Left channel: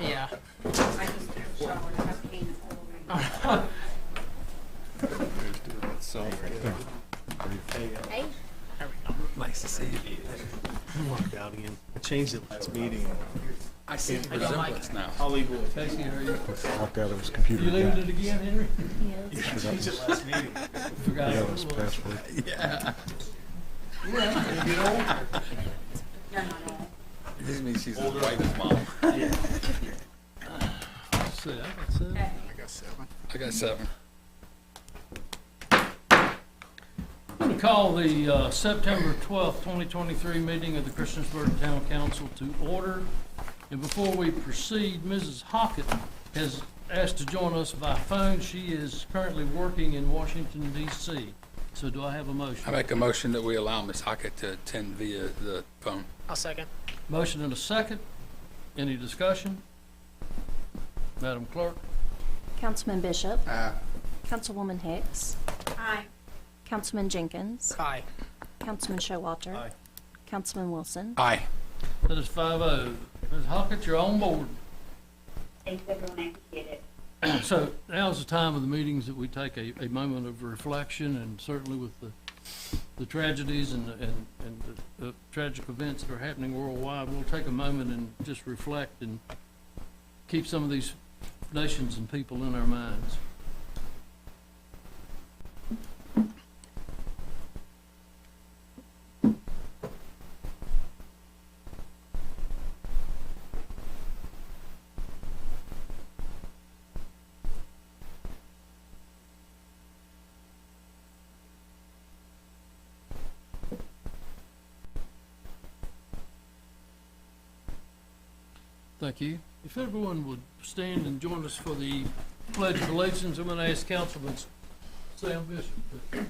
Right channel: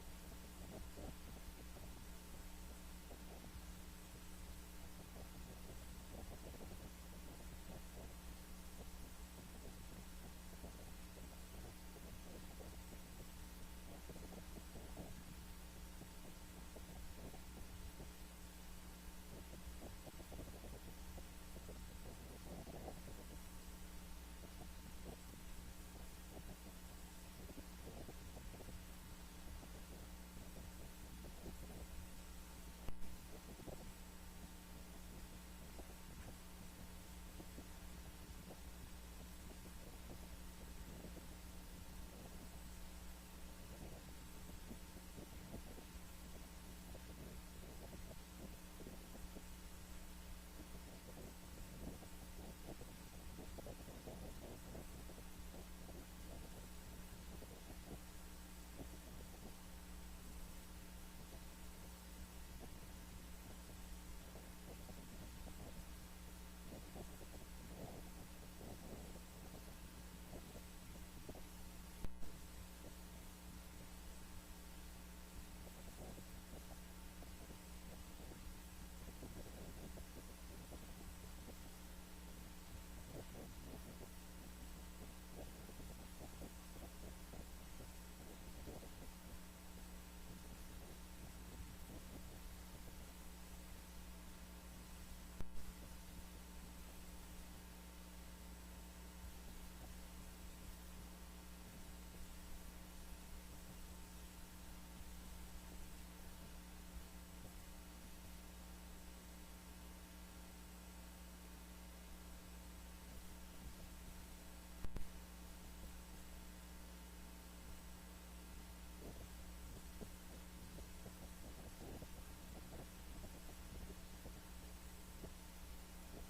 Yeah. I just took a shower and have pain all over. Hey. Nice to see you. I changed it last meeting. I see the resemblance now. I'll leave it. Casey, how are you? Walked out of his computer. You leaving it again, Henry? I changed it last meeting. Forgot Yeah, what it was it was. password. Yeah. Yeah, you get older. You're not all. This means she's as white as mom. Let's see, I got seven. Okay. I got 7. I'm going to call the September 12th, 2023 meeting of the Christiansburg Town Council to order. And before we proceed, Mrs. Hockett has asked to join us by phone. She is currently working in Washington, D.C. So do I have a motion? I make a motion that we allow Ms. Hockett to attend via the phone. I'll second. Motion and a second. Any discussion? Madam Clerk? Councilman Bishop. Councilwoman Hicks. Aye. Councilman Jenkins. Aye. Councilman Showalter. Aye. Councilman Wilson. Aye. That is 5-0. Ms. Hockett, you're on board. Thanks, everyone. I appreciate it. So now's the time of the meetings that we take a moment of reflection, and certainly with the tragedies and the tragic events that are happening worldwide, we'll take a moment and just reflect and keep some of these nations and people in our minds. Thank you. If everyone would stand and join us for the Pledge of Allegiance, I'm going to ask Councilman Sam Bishop.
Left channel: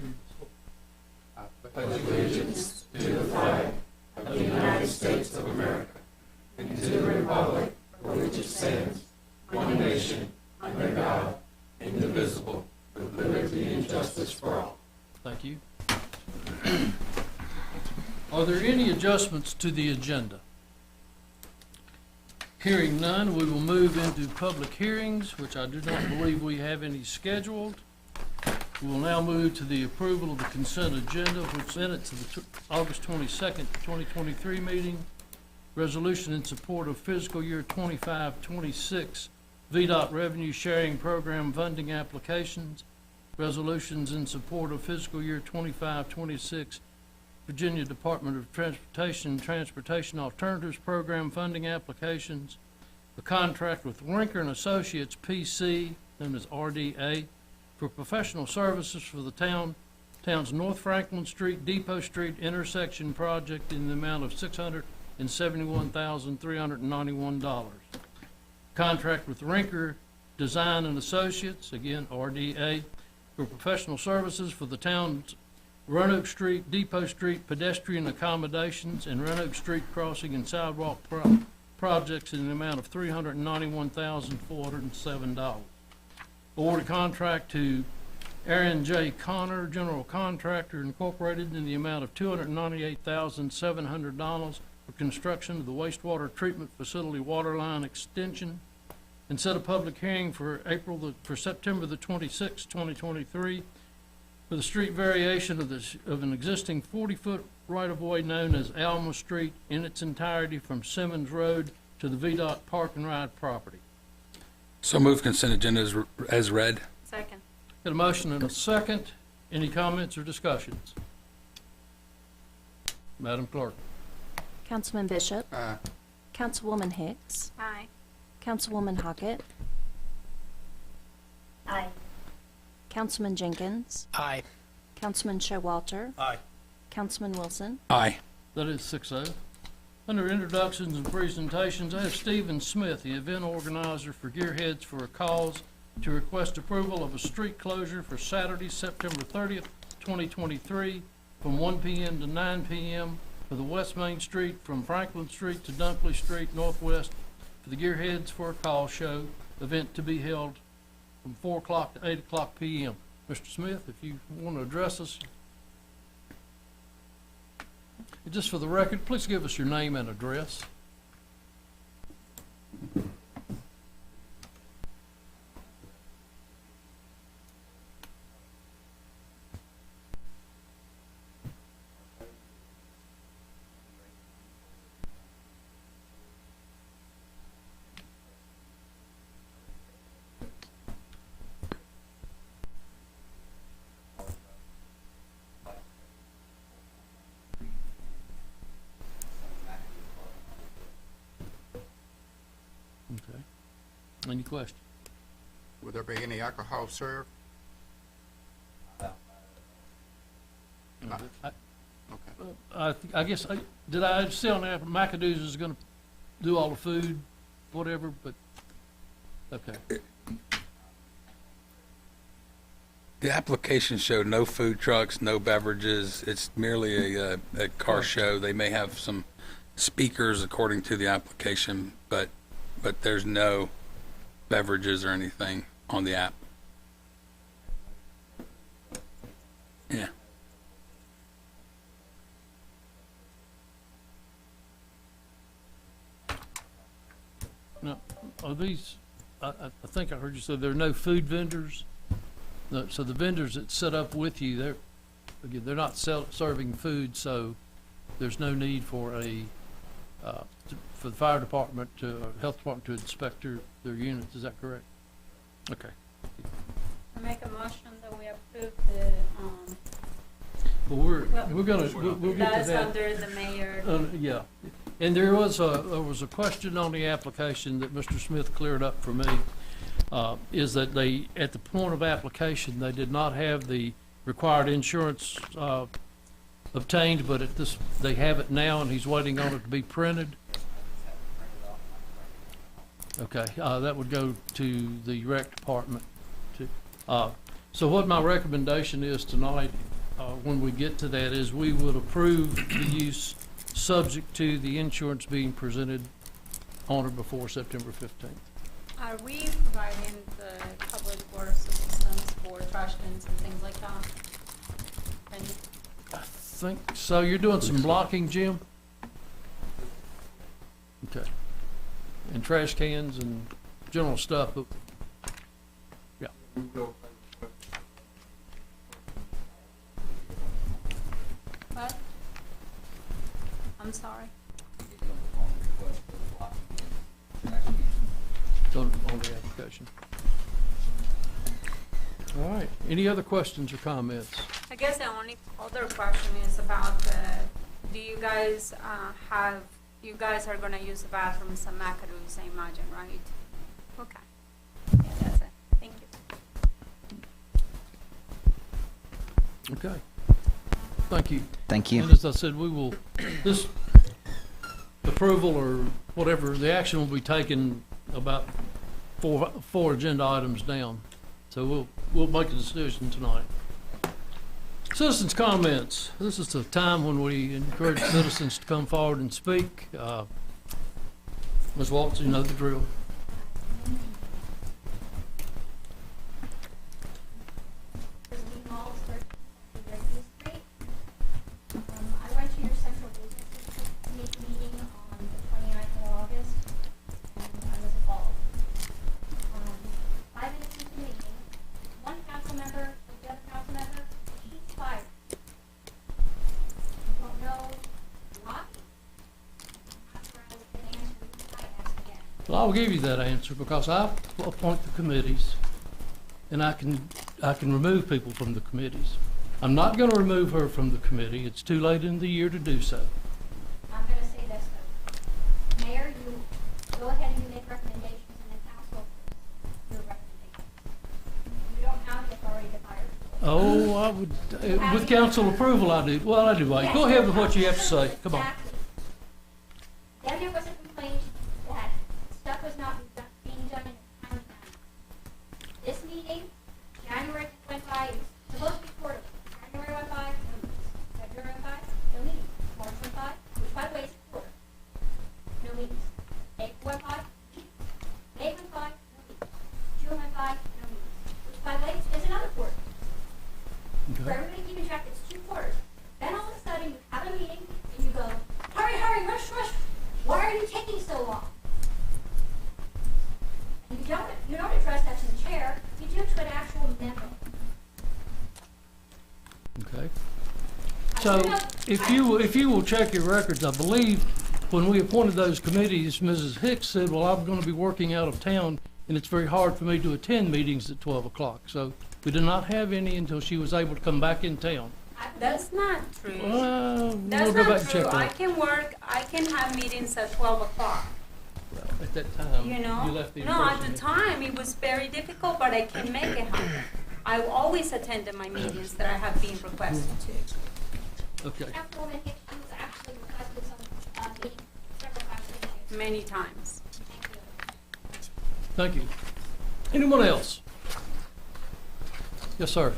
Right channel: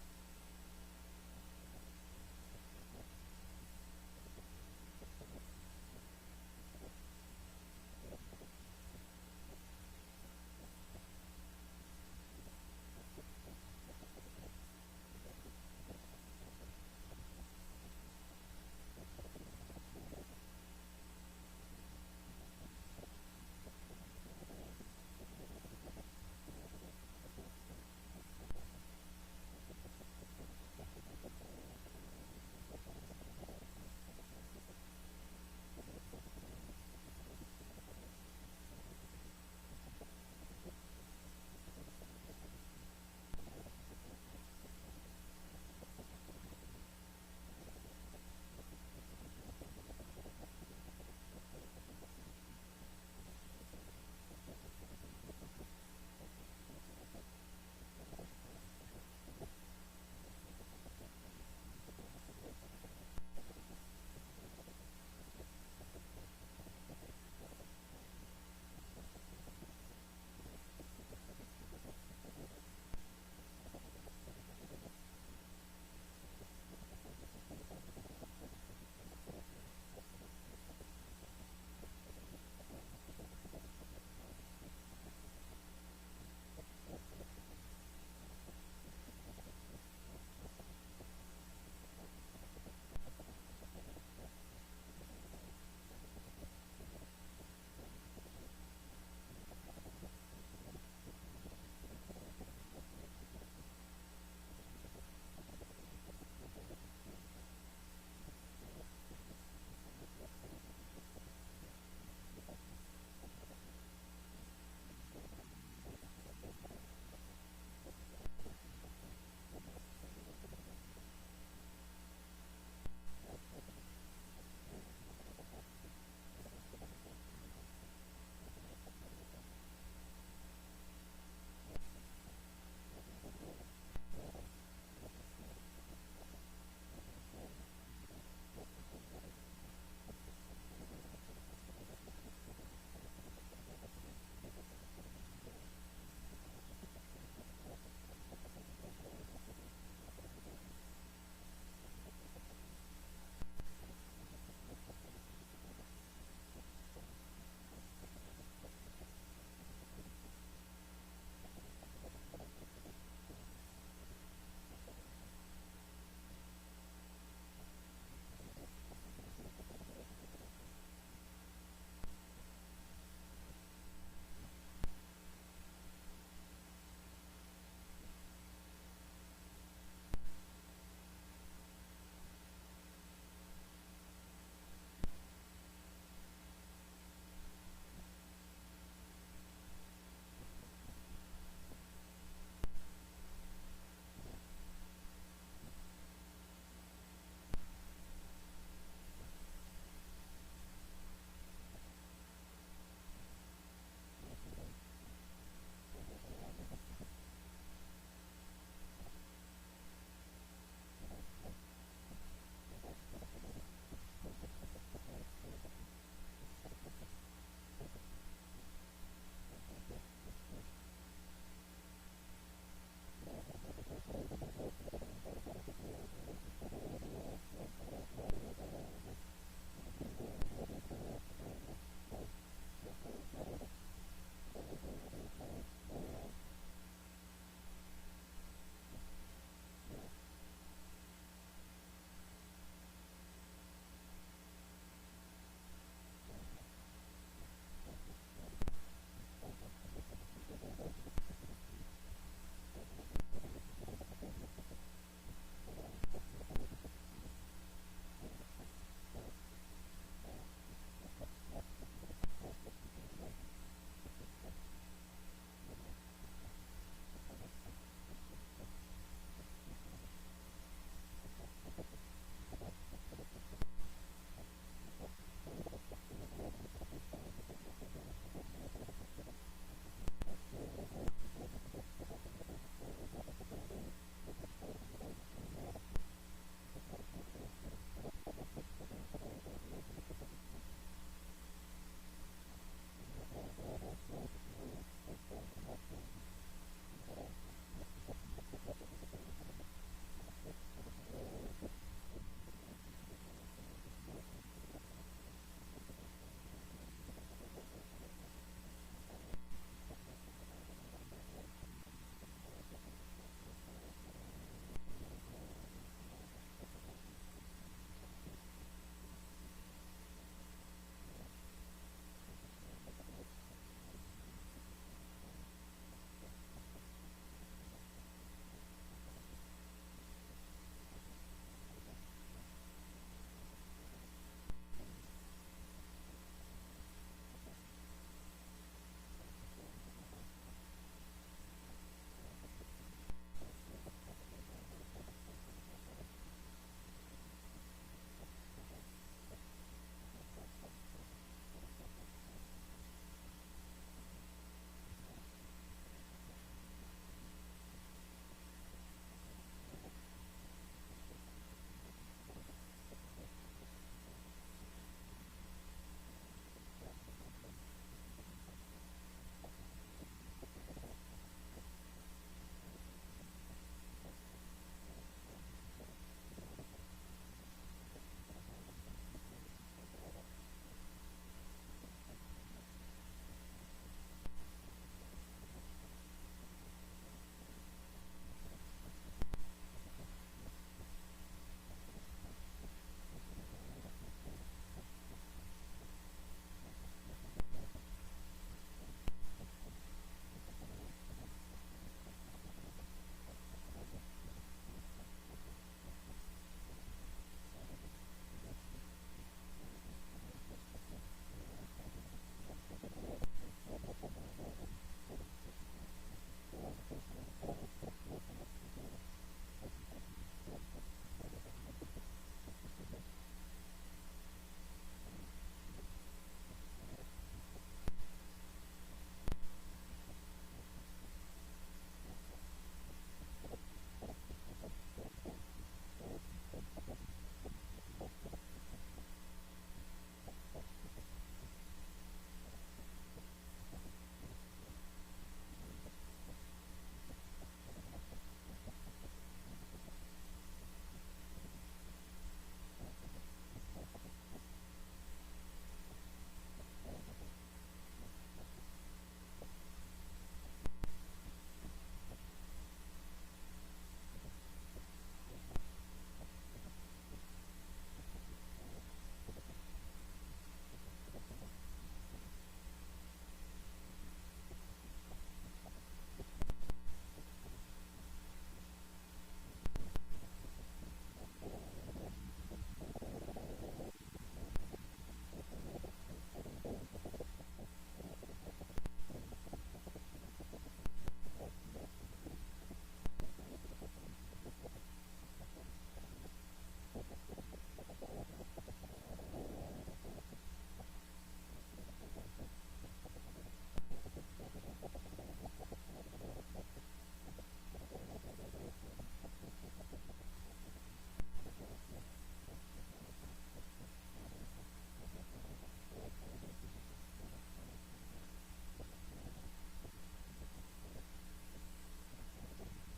Thank you. Are there any adjustments to the agenda? Hearing none, we will move into public hearings, which I do not believe we have any scheduled. We will now move to the approval of the consent agenda, which minutes of the August 22nd, 2023 meeting. Resolution in support of fiscal year 25-26 VDOT revenue sharing program funding applications. Resolutions in support of fiscal year 25-26 Virginia Department of Transportation and Transportation Alternatives Program funding applications, a contract with Rinker and Associates PC, known as RDA, for professional services for the town's North Franklin Street, Depot Street intersection project in the amount of $671,391. Contract with Rinker Design and Associates, again RDA, for professional services for the town's Roanoke Street, Depot Street pedestrian accommodations and Roanoke Street crossing and sidewalk projects in the amount of $391,407. Award a contract to Aaron J. Connor, General Contractor Incorporated, in the amount of $298,700 for construction of the wastewater treatment facility water line extension, and set a public hearing for September the 26th, 2023, for the street variation of an existing 40-foot right-of-way known as Alma Street in its entirety from Simmons Road to the VDOT Park and Ride property. So move consent agenda as read. Second. Got a motion and a second. Any comments or discussions? Madam Clerk. Councilman Bishop. Aye. Councilwoman Hicks. Aye. Councilwoman Hockett. Aye. Councilman Jenkins. Aye. Councilman Showalter. Aye. Councilman Wilson. Aye. That is 6-0. Under introductions and presentations, I have Stephen Smith, the event organizer for Gearheads for a Cause, to request approval of a street closure for Saturday, September 30th, 2023, from 1 p.m. to 9 p.m. for the West Main Street from Franklin Street to Dunkley Street Northwest for the Gearheads for a Call show event to be held from 4 o'clock to 8 o'clock p.m. Mr. Smith, if you want to address us. Just for the record, please give us your name and address. Any questions? Will there be any alcohol served? I guess, did I see on there, McAdoo's is gonna do all the food, whatever, but, okay. The application showed no food trucks, no beverages. It's merely a car show. They may have some speakers according to the application, but there's no beverages or anything on the app. Yeah. Now, are these, I think I heard you say there are no food vendors? So the vendors that set up with you, they're not serving food, so there's no need for for the fire department health department to inspect their units, is that correct? Okay. I make a motion that we approve Well, we're gonna, we'll get to that's that. under the mayor. Yeah, and there was a question on the application that Mr. Smith cleared up for me, is that they, at the point of application, they did not have the required insurance, obtained, but they have it now, and he's waiting on it to be printed. Okay, that would go to the rec department. So what my recommendation is tonight, when we get to that, is we would approve the use subject to the insurance being presented on or before September 15th. Are we providing the public water systems for trash cans and things like that? And I think, so you're doing some blocking, Jim? Okay. And trash cans and general stuff, but, yeah. what? I'm sorry. It's on the application. All right, any other questions or comments? I guess the only other question is about do you guys you guys are gonna use the bathrooms at McAdoo's, I imagine, right? Okay. Yeah, that's it. Thank you. Okay. Thank you. Thank you. And as I said, we will, this approval or whatever, the action will be taken about four agenda items down. So we'll make a decision tonight. Citizens' comments. This is the time when we encourage citizens to come forward and speak. Ms. Waltz, you know the drill. I went to your central business meeting on the 29th of August, and I was appalled. 5 minutes into the meeting, one council member, the other council member, he's fired. I don't know what. After I was getting answered, I asked again. Well, I'll give you that answer because I appoint the committees and I can remove people from the committees. I'm not gonna remove her from the committee. It's too late in the year to do so. I'm gonna say this though. Mayor, you go ahead and you make recommendations and then council do a recommendation. You don't have the authority to fire people. Oh, I would, with council approval, I do. Well, I do, wait. Go ahead with what you have to say. Come on. Exactly. Then there was a complaint that stuff was not being done in the town. This meeting, January went by, it was supposed to be quarterly. January went by, no meetings. February went by, no meetings. March went by, which by the way is quarter. No meetings. April went by, May went by, no meetings. June went by, no meetings. Which by the way is another quarter. For Okay. everybody keeping track, it's 2 quarters. Then all of a sudden, you have a meeting, and you go, hurry, hurry, rush, rush. Why are you taking so long? You don't address that to the chair, you do to an actual member. Okay. I So don't know- if you will check your records, I believe when we appointed those committees, Mrs. Hicks said, well, I'm gonna be working out of town and it's very hard for me to attend meetings at 12 o'clock. So we did not have any until she was able to come back in town. That's not true. Well, That's we'll go back not and true. check I that. can work, I can have meetings at 12 o'clock. that time. You know? left the No, at impression the time, it was very difficult, but I can make it happen. I always attended my meetings that I have been requested to, Okay, Councilwoman Hicks, you was actually requested some, meetings several times this year. many times. Thank you. thank you. Anyone else? Yes, sir.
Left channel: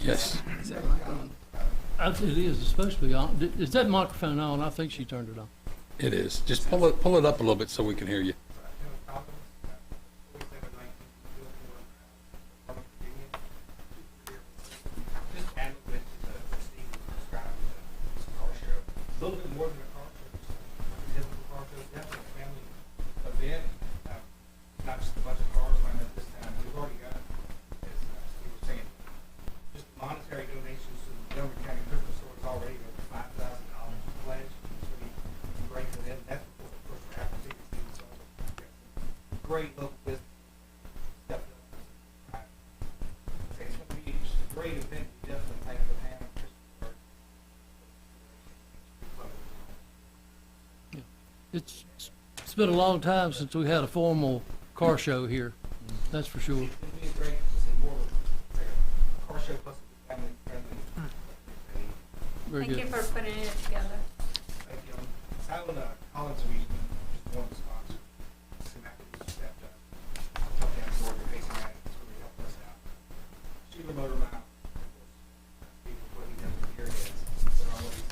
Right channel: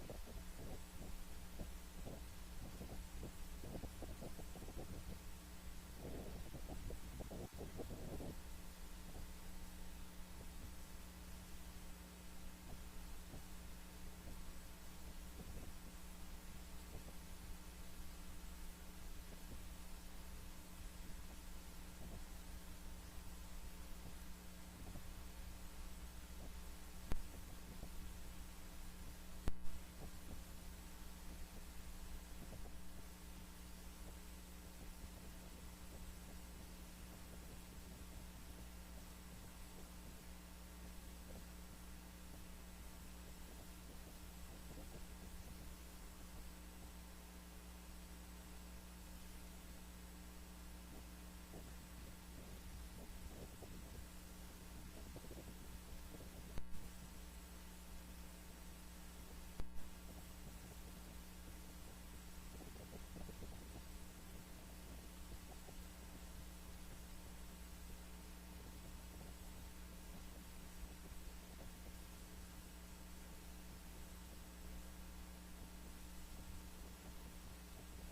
Yes. It is, it's supposed to be on. Is that microphone on? I think she turned it on. It is. Just pull it up a little bit so we can hear you. A little bit more than a car show. Typical car show, definitely a family event. Not just a bunch of cars lined up this time. We've already got, as we were saying, just monetary donations to the Montgomery County Liquor Stores already over $5,000 pledge. It's really great for them. That's what of course we're happy to see. So great local business. Definitely. It's going to be a great event. Definitely thank for Hannah. It's been a long time since we had a formal car show here. That's for sure. It'd be great to see more of a car show plus family friendly. Very Thank good. you for putting it together. Thank you. Alan Collins region is one of the sponsors. Stepped up. Helped them absorb the facing that. It's really helped us out. Sheila Motor Mouth. People what he does with your heads. They're always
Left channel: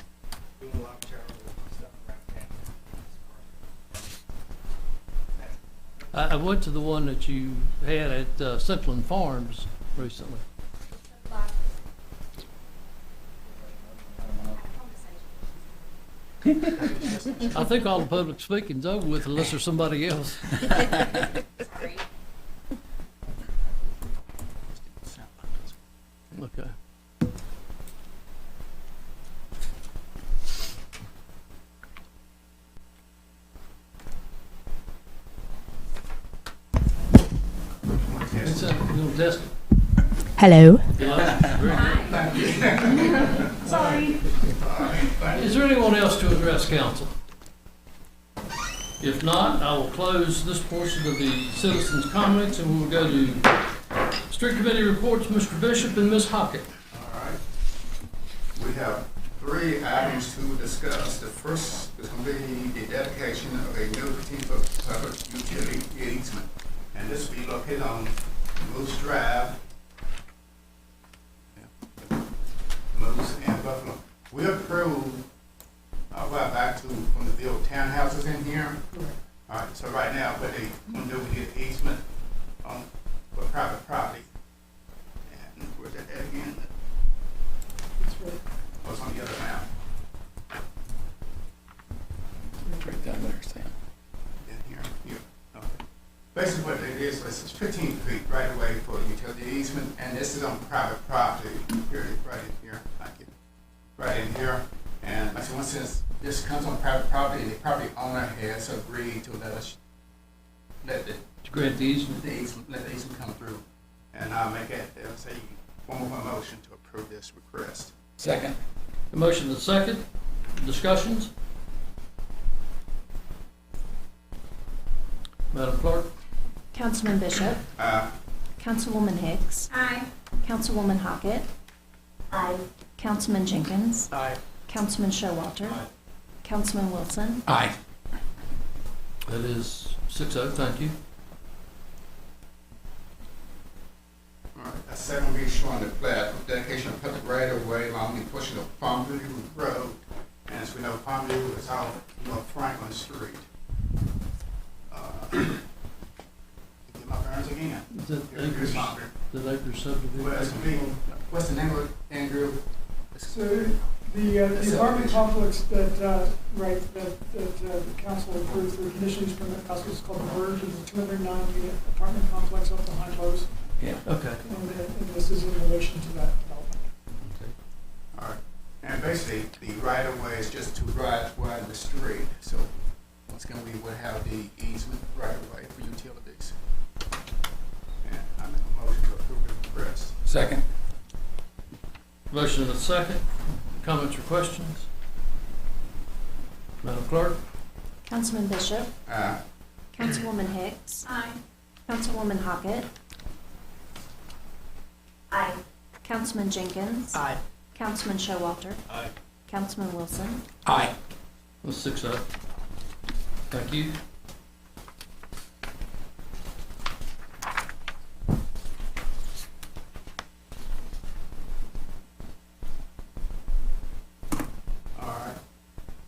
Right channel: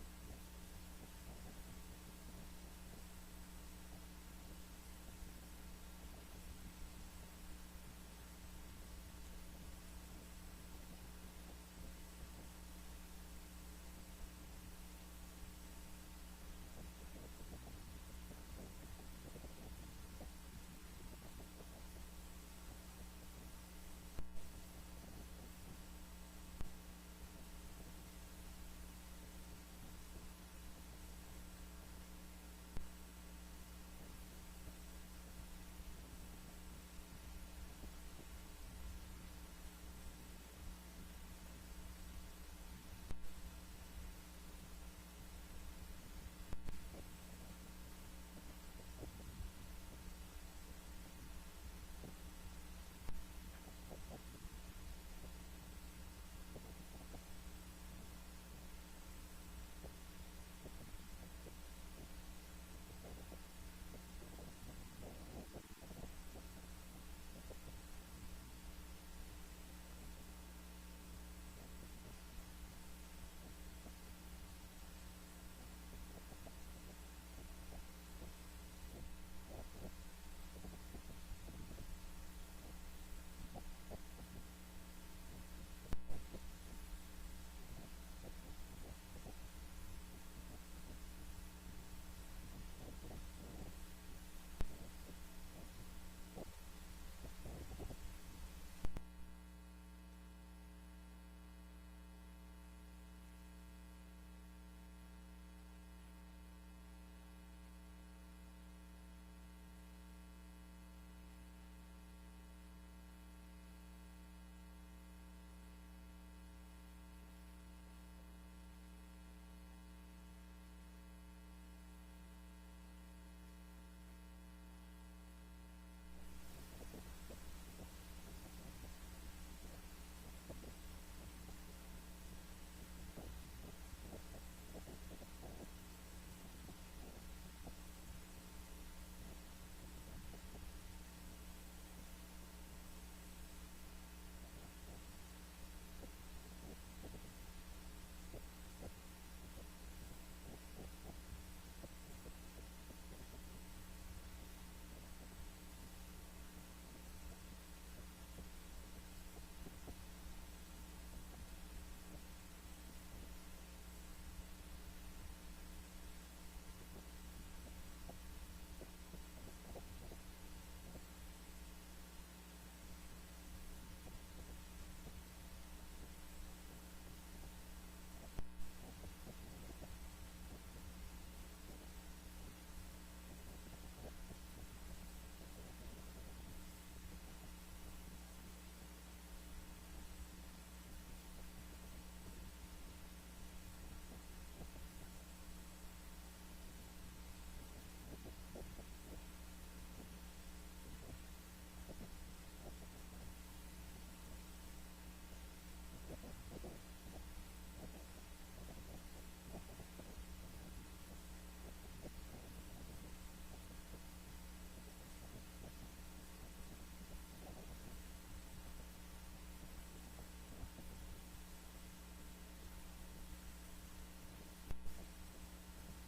doing a lot of charitable stuff around town. I went to the one that you had at Central Farms recently. I think all the public speaking's over with unless there's somebody else. Sorry. Okay. It's, you know, test it. Hello. Sorry. Is there anyone else to address council? If not, I will close this portion of the citizens' comments and we will go to street committee reports, Mr. Bishop and Ms. Hockett. All right. We have 3 items to discuss. The first is going to be the dedication of a new 15-foot public utility easement. And this will be located on Moose Drive, Moose and Buffalo. We approved a while back to, when the build townhouses in here. All right, so right now, what they want to do, we get an easement on, for private property. And where's that at again? Oh, it's on the other map. Right down there, Sam. In here, here. Okay. Basically what it is 15 feet right away for the utility easement, and this is on private property. Here, right in here, thank you. Right in here, and like I said, since this comes on private property, the property owner has agreed to let us, let the To grant the easement. let the easement come through. And I'll make it, say, one more motion to approve this request. Second. A motion and a second. Discussions? Madam Clerk? Councilman Bishop, Councilwoman Hicks, Aye. Councilwoman Hockett, Aye. Councilman Jenkins, Aye. Councilman Showalter, Councilman Wilson, Aye. That is 6-0, thank you. All right, that's second be showing the plat of dedication of public right of way along the portion of Palmview Road. And as we know, Palmview is out North Franklin Street. Get my bearings again. Is that Here's Acres, my bearings. the Acres subdivision? Well, it's gonna be, what's the name of it, Andrew? So the apartment complex that, right, that the council approved through conditional use permit process is called the Verge, is a 209-unit apartment complex up behind Lowe's. Yeah. Okay. And this is in relation to that development. All right, and basically, the right of way is just to widen the street, so it's gonna be, we'll have the easement right of way for utilities. And I make a motion to approve the request. Second. Motion and a second. Comments or questions? Madam Clerk? Councilman Bishop, Aye. Councilwoman Hicks, Aye. Councilwoman Hockett, Aye. Councilman Jenkins, Aye. Councilman Showalter, Aye. Councilman Wilson, Aye. That's 6-0. Thank you. All right.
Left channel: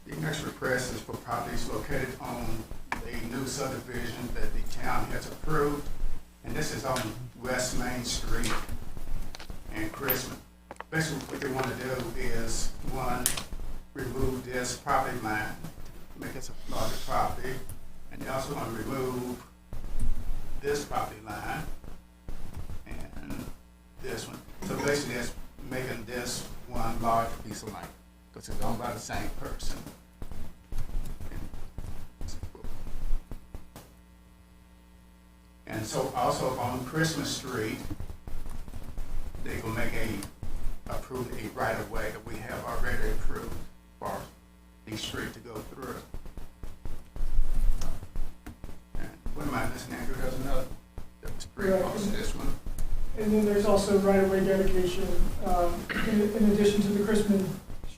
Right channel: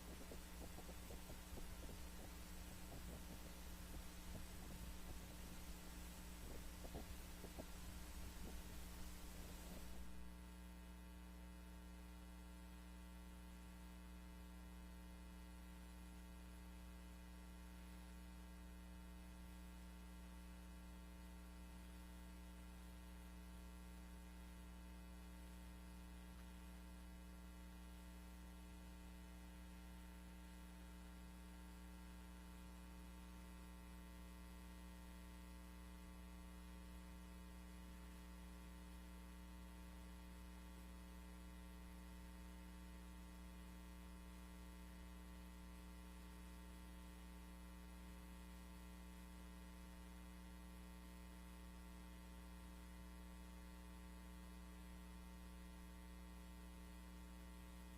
The next request is for properties located on the new subdivision that the town has approved, and this is on West Main Street and Christmas. Basically, what they want to do is, one, remove this property line, make it a larger property, and they also want to remove this property line and this one. So basically, it's making this one large piece of land, because it's owned by the same person. And so also on Christmas Street, they will make approve a right of way that we have already approved for the street to go through. And what am I missing, Andrew? There's another, that was pretty Right. close to this one. And then there's also right-of-way dedication. In addition to the Christmas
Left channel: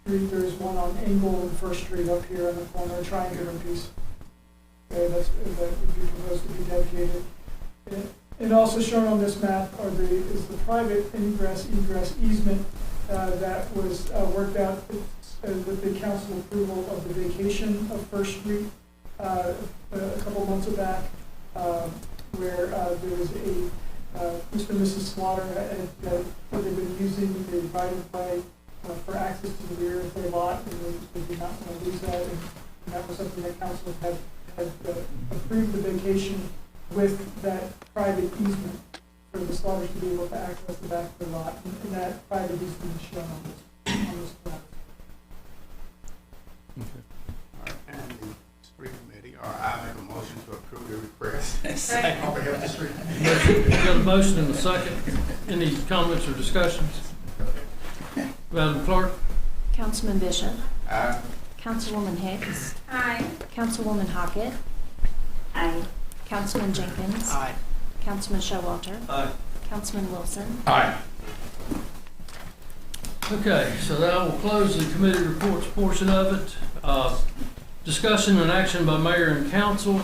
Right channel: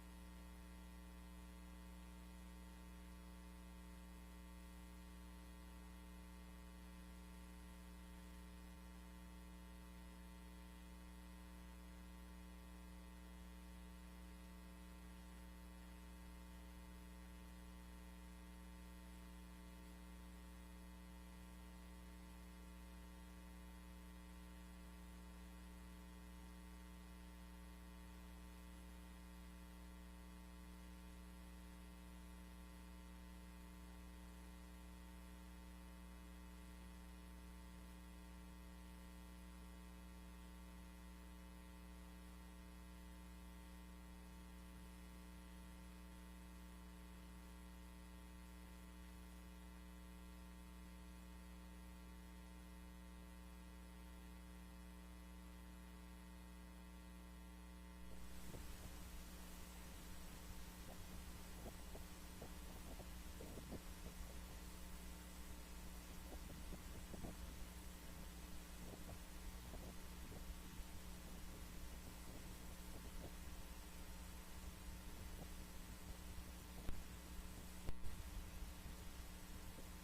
Street, there's one on Engle and First Street up here in the corner, a triangular piece. Okay, that would be proposed to be dedicated. And also shown on this map is the private ingress egress easement that was worked out with the council approval of the vacation of First Street a couple months back, where there was Mr. and Mrs. Slaughter that they've been using the right of way for access to the rear of their lot, and they did not want to lose that, and that was something that council had approved the vacation with that private easement for the Slaughters to be able to access the back of the lot, and that private easement is shown on this plan. All right, and the street committee, or I make a motion to approve the request. On behalf of the street committee. We've got a motion and a second. Any comments or discussions? Madam Clerk? Councilman Bishop, Aye. Councilwoman Hicks, Aye. Councilwoman Hockett, Aye. Councilman Jenkins, Aye. Councilman Showalter, Aye. Councilman Wilson. Aye. Okay, so now we'll close the committee reports portion of it. Discussion and action by mayor and council.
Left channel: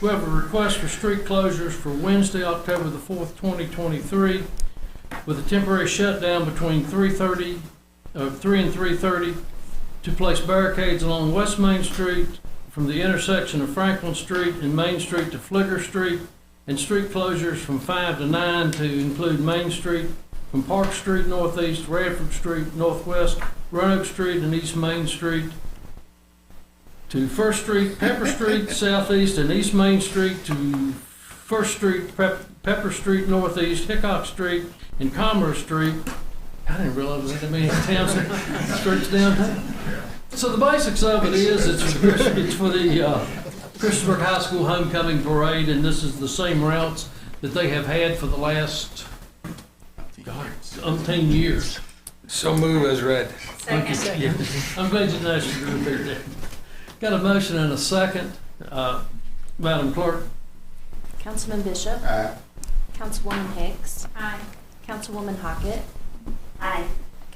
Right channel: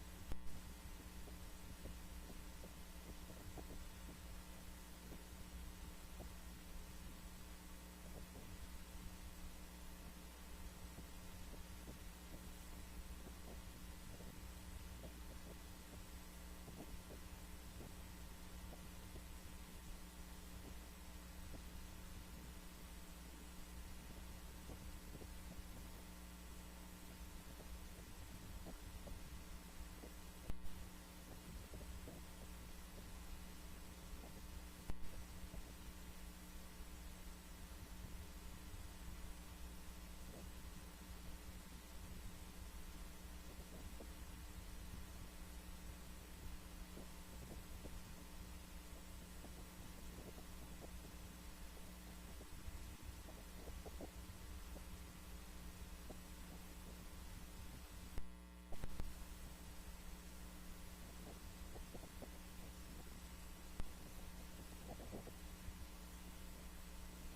We have a request for street closures for Wednesday, October the 4th, 2023, with a temporary shutdown between 3 and 3:30 to place barricades along West Main Street from the intersection of Franklin Street and Main Street to Flicker Street, and street closures from 5 to 9 to include Main Street from Park Street northeast, Radford Street northwest, Roanoke Street and East Main Street to First Street, Pepper Street southeast and East Main Street to First Street, Pepper Street northeast, Hickok Street and Commerce Street. I didn't realize there was that many towns, streets downtown. So the basics of it is, it's for the Christopher High School Homecoming Parade, and this is the same routes that they have had for the last, umpteen years. So move as read. Second. Yeah. I'm glad you noticed you were there. Got a motion and a second. Madam Clerk? Councilman Bishop, Aye. Councilwoman Hicks, Aye. Councilwoman Hockett, Aye.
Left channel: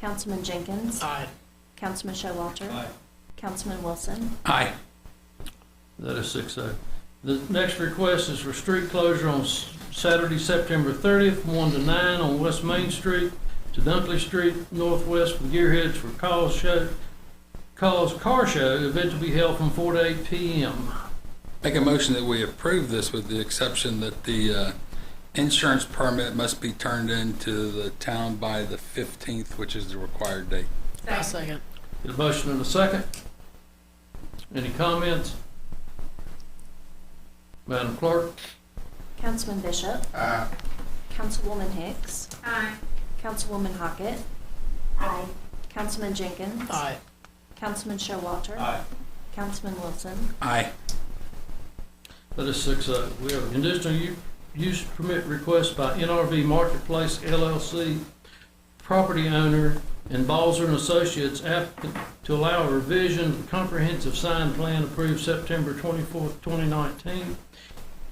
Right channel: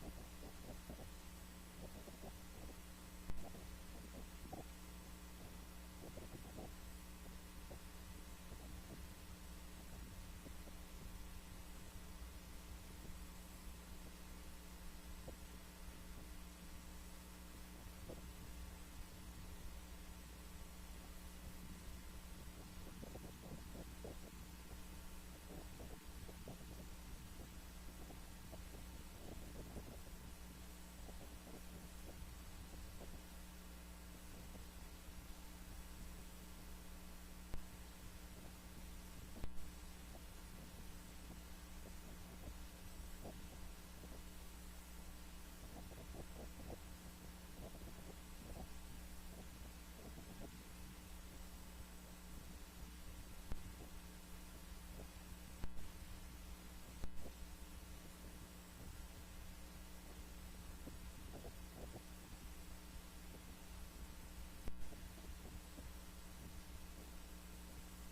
Councilman Jenkins, Aye. Councilman Showalter, Aye. Councilman Wilson. Aye. That is 6-0. The next request is for street closure on Saturday, September 30th, 1 to 9 on West Main Street to Dunkley Street northwest with Gearheads for Cause Car Show, event to be held from 4 to 8 p.m. Make a motion that we approve this with the exception that the insurance permit must be turned into the town by the 15th, which is the required date. Second. Get a motion and a second. Any comments? Madam Clerk? Councilman Bishop, Aye. Councilwoman Hicks, Aye. Councilwoman Hockett, Aye. Councilman Jenkins, Aye. Councilman Showalter, Aye. Councilman Wilson. Aye. That is 6-0. We have a conditional use permit request by NRV Marketplace LLC, property owner and Balzer and Associates applicant to allow a revision of the comprehensive sign plan approved September 24th, 2019,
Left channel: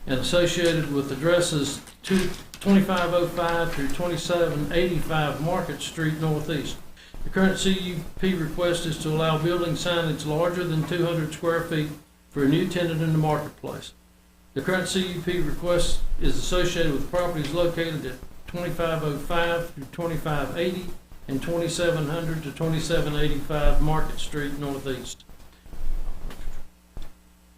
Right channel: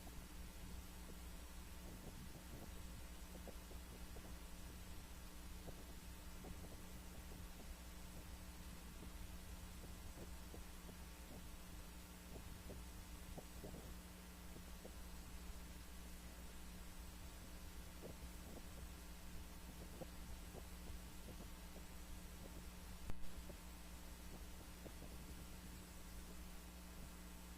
and associated with addresses 2505 through 2785 Market Street Northeast. The current CUP request is to allow building signage larger than 200 square feet for a new tenant in the marketplace. The current CUP request is associated with properties located at 2505 through 2580 and 2700 to 2785 Market Street Northeast.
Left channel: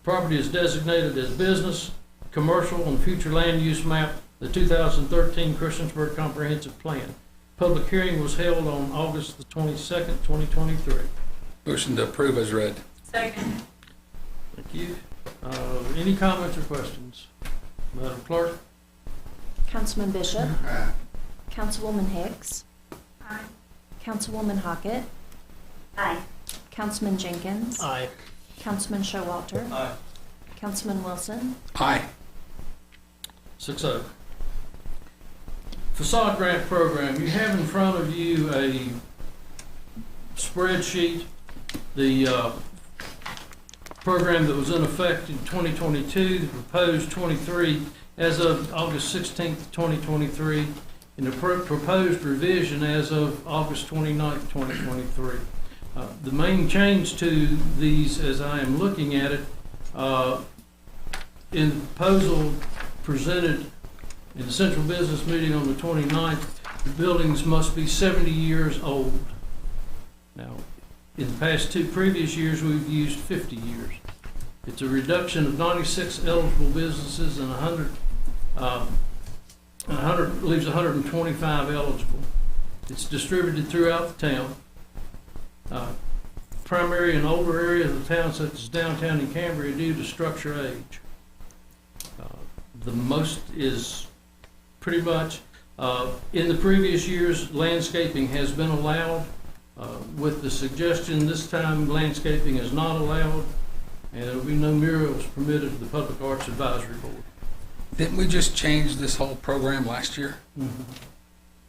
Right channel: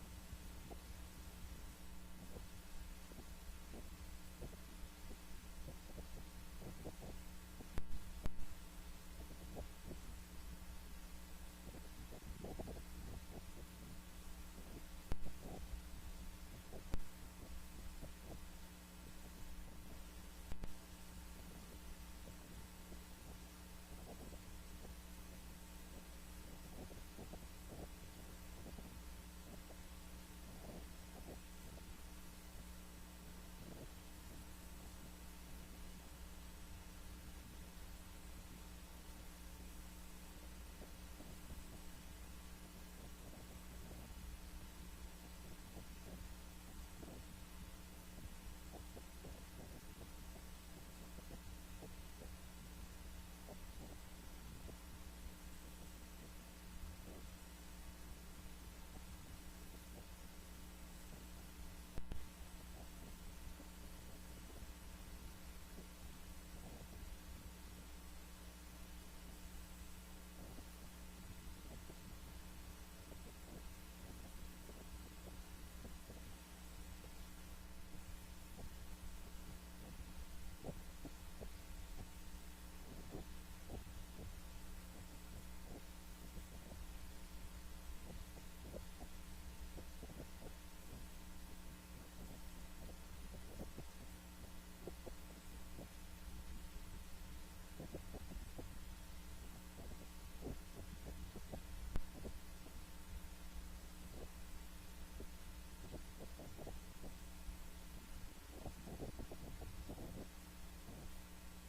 Property is designated as business, commercial, and future land use map, the 2013 Christiansburg Comprehensive Plan. Public hearing was held on August the 22nd, 2023. Motion to approve as read. Second. Thank you. Any comments or questions? Madam Clerk? Councilman Bishop, Aye. Councilwoman Hicks, Aye. Councilwoman Hockett, Aye. Councilman Jenkins, Aye. Councilman Showalter, Aye. Councilman Wilson, Aye. 6-0. Facade grant program, you have in front of you a spreadsheet, the program that was in effect in 2022, the proposed 23 as of August 16th, 2023, and the proposed revision as of August 29th, 2023. The main change to these, as I am looking at it, in the proposal presented in the central business meeting on the 29th, the buildings must be 70 years old. Now, in the past two previous years, we've used 50 years. It's a reduction of 96 eligible businesses and 100 leaves 125 eligible. It's distributed throughout the town. Primary and older areas of the town, such as downtown and Cambria, due to structure age. The most is pretty much, in the previous years, landscaping has been allowed. With the suggestion this time landscaping is not allowed, and there will be no murals permitted to the Public Arts Advisory Board. Didn't we just change this whole program last year?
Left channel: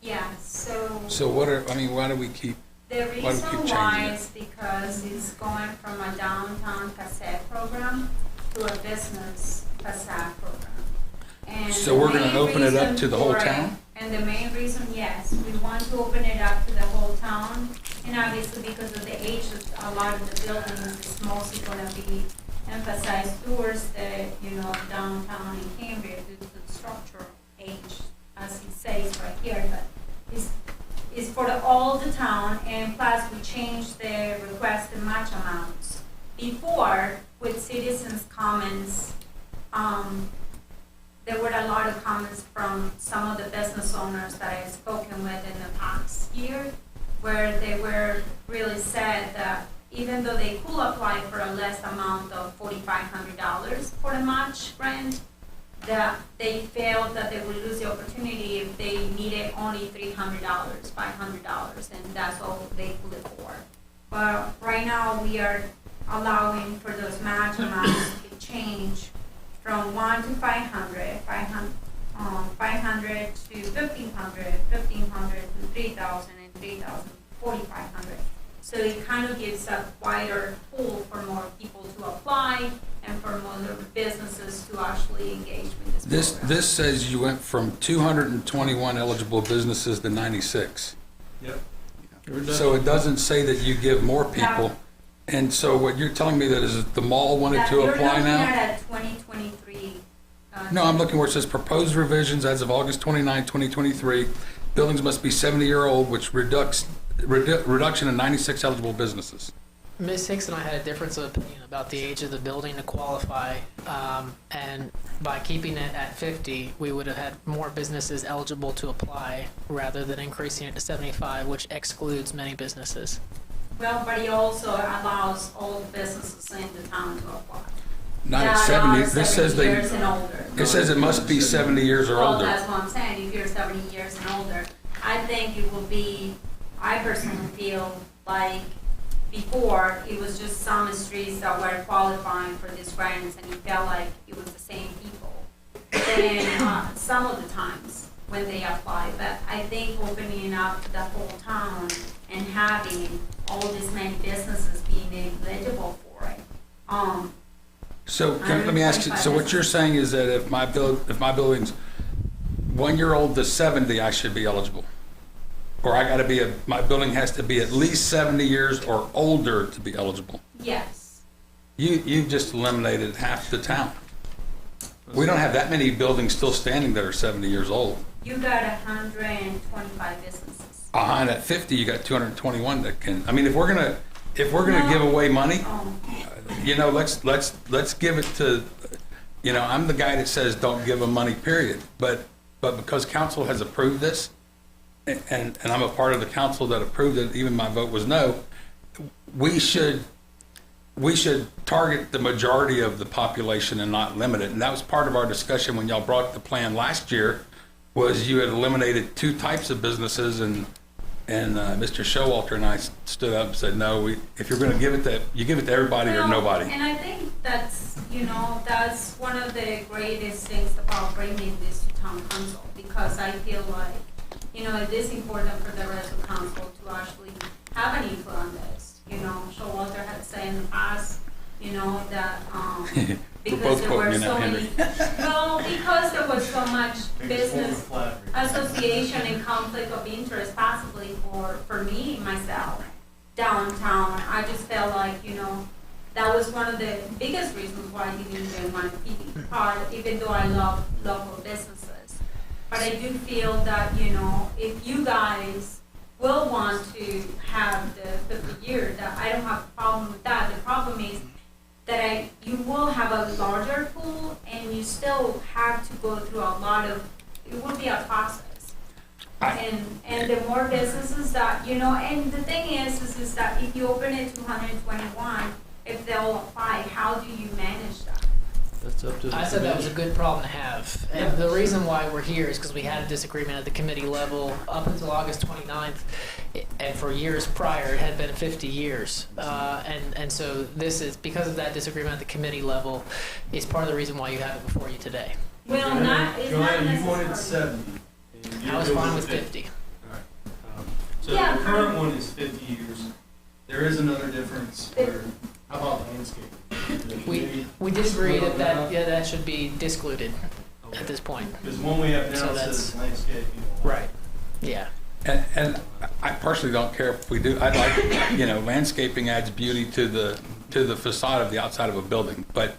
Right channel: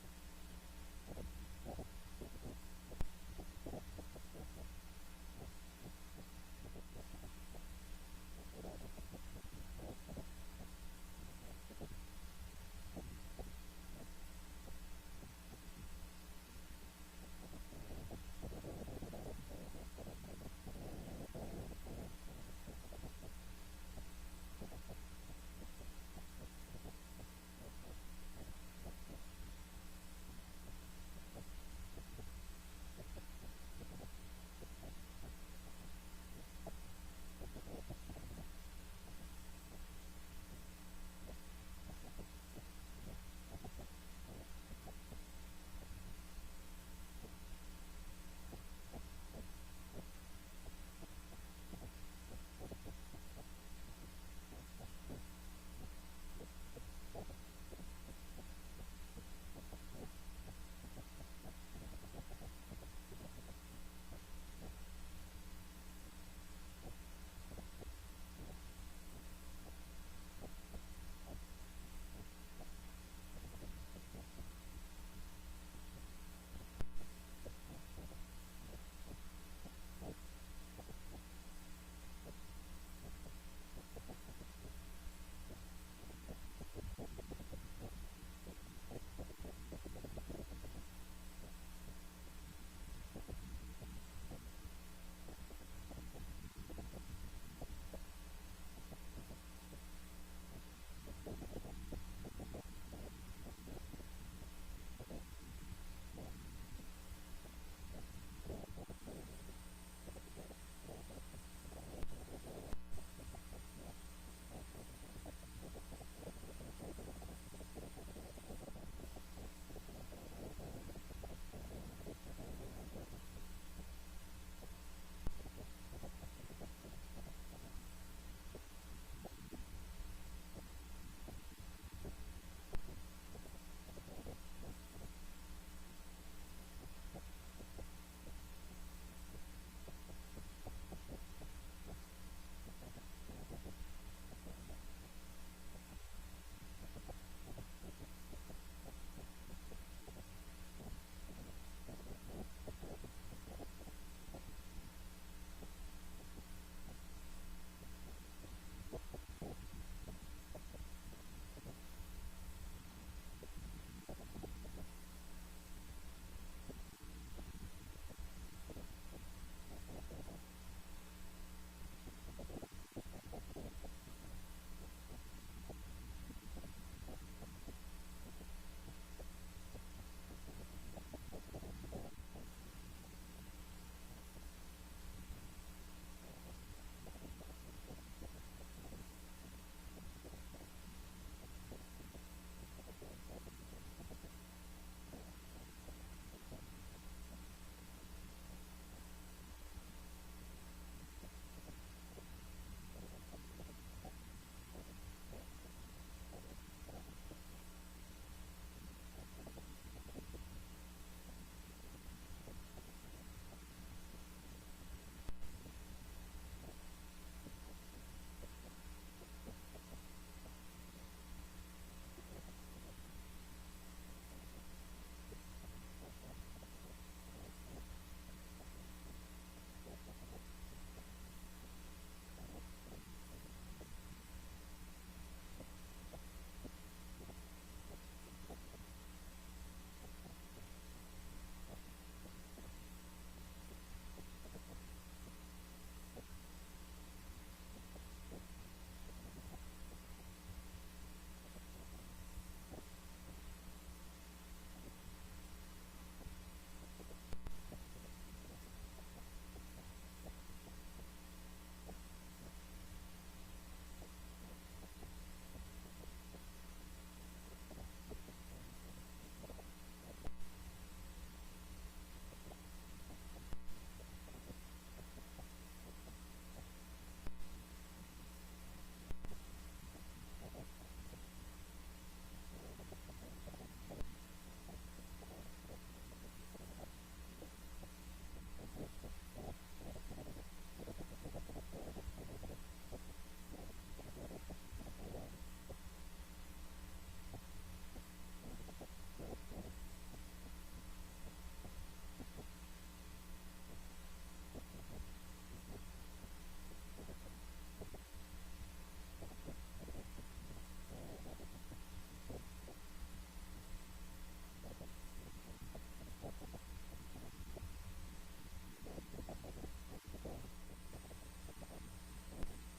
Yeah, so. So what are, I mean, why do we keep, The Why do we keep reason changing why it? is because it's going from a downtown facade program to a business facade program. And so we're the gonna main open it up reason to the whole for it- town? And the main reason, yes, we want to open it up to the whole town, and obviously because of the age of a lot of the buildings, it's mostly gonna be emphasized towards the, downtown and Cambria due to the structural age, as it says right here, but it's for all the town, and plus we changed the requested match amounts. Before, with citizens' comments, there were a lot of comments from some of the business owners that I've spoken with in the past year, where they were really sad that even though they could apply for a less amount of $4,500 for the match grant, that they felt that they would lose the opportunity if they needed only $300, $500, and that's all they could afford. But right now, we are allowing for those match amounts to change from 1 to 500, 500 to 1,500, 1,500 to 3,000, and 3,000 to 4,500. So it kind of gives a wider pool for more people to apply and for more businesses to actually engage with this program. This says you went from 221 eligible businesses to 96. Yep. So it doesn't say that you give more people. And so what you're telling me that is the mall wanted to apply You're now? looking at a 2023. No, I'm looking where it says proposed revisions as of August 29, 2023. Buildings must be 70-year-old, which reduction in 96 eligible businesses. Ms. Hicks and I had a difference of opinion about the age of the building to qualify, and by keeping it at 50, we would have had more businesses eligible to apply rather than increasing it to 75, which excludes many businesses. Well, but it also allows all businesses in the town to apply. Not at That 70, are this says 70 years and older. it says it must be 70 years or Well, older. that's what I'm saying, if you're 70 years and older, I think it will be, I personally feel like before, it was just some streets that were qualifying for these grants, and it felt like it was the same people. Then, some of the times when they apply, but I think opening up the whole town and having all these many businesses being eligible for it. So let me ask you, so what you're saying is that if my building's 1 year old to 70, I should be eligible? Or I gotta be my building has to be at least 70 years or older to be eligible? Yes. You've just eliminated half the town. We don't have that many buildings still standing that are 70 years old. You got 125 businesses. Behind at 50, you got 221 that can, I mean, if we're gonna give away money, you know, let's give it to, you know, I'm the guy that says don't give them money, period. But because council has approved this, and I'm a part of the council that approved it, even my vote was no, we should target the majority of the population and not limit it. And that was part of our discussion when y'all brought the plan last year, was you had eliminated 2 types of businesses, and Mr. Showalter and I stood up and said, no, if you're gonna give it to, you give it to everybody or Well, nobody. And I think that's, you know, that's one of the greatest things about bringing this to town council, because I feel like, you know, it is important for the rest of council to actually have an input on this. You know, Showalter had said in the past, you know, that, because both there quoting were me now, so many, well, because there was so much business association and conflict of interest possibly for me, myself, downtown. I just felt like, you know, that was one of the biggest reasons why I didn't even want to be part, even though I love local businesses. But I do feel that, you know, if you guys will want to have the 50 year, that I don't have a problem with that. The problem is that you will have a larger pool, and you still have to go through a lot of, it will be a process. And the more businesses that, you know, and the thing is that if you open it to 121, if they all apply, how do you manage that? That's up to the I said that was a commission. good problem to have. And the reason why we're here is because we had a disagreement at the committee level up until August 29th. And for years prior, it had been 50 years. And so this is, because of that disagreement at the committee level, is part of the reason why you have it before you today. Well, it's not Joanne, you wanted necessarily. 70. and I you're was good fine with 50. So Yeah. the current one is 50 years. There is another difference where, how about landscape? The committee- We did agree that should be discluded at this point. Because one we have So now that's- says landscaping. Right. Yeah. And I personally don't care if we do, I'd like, you know, landscaping adds beauty to the facade of the outside of a building, but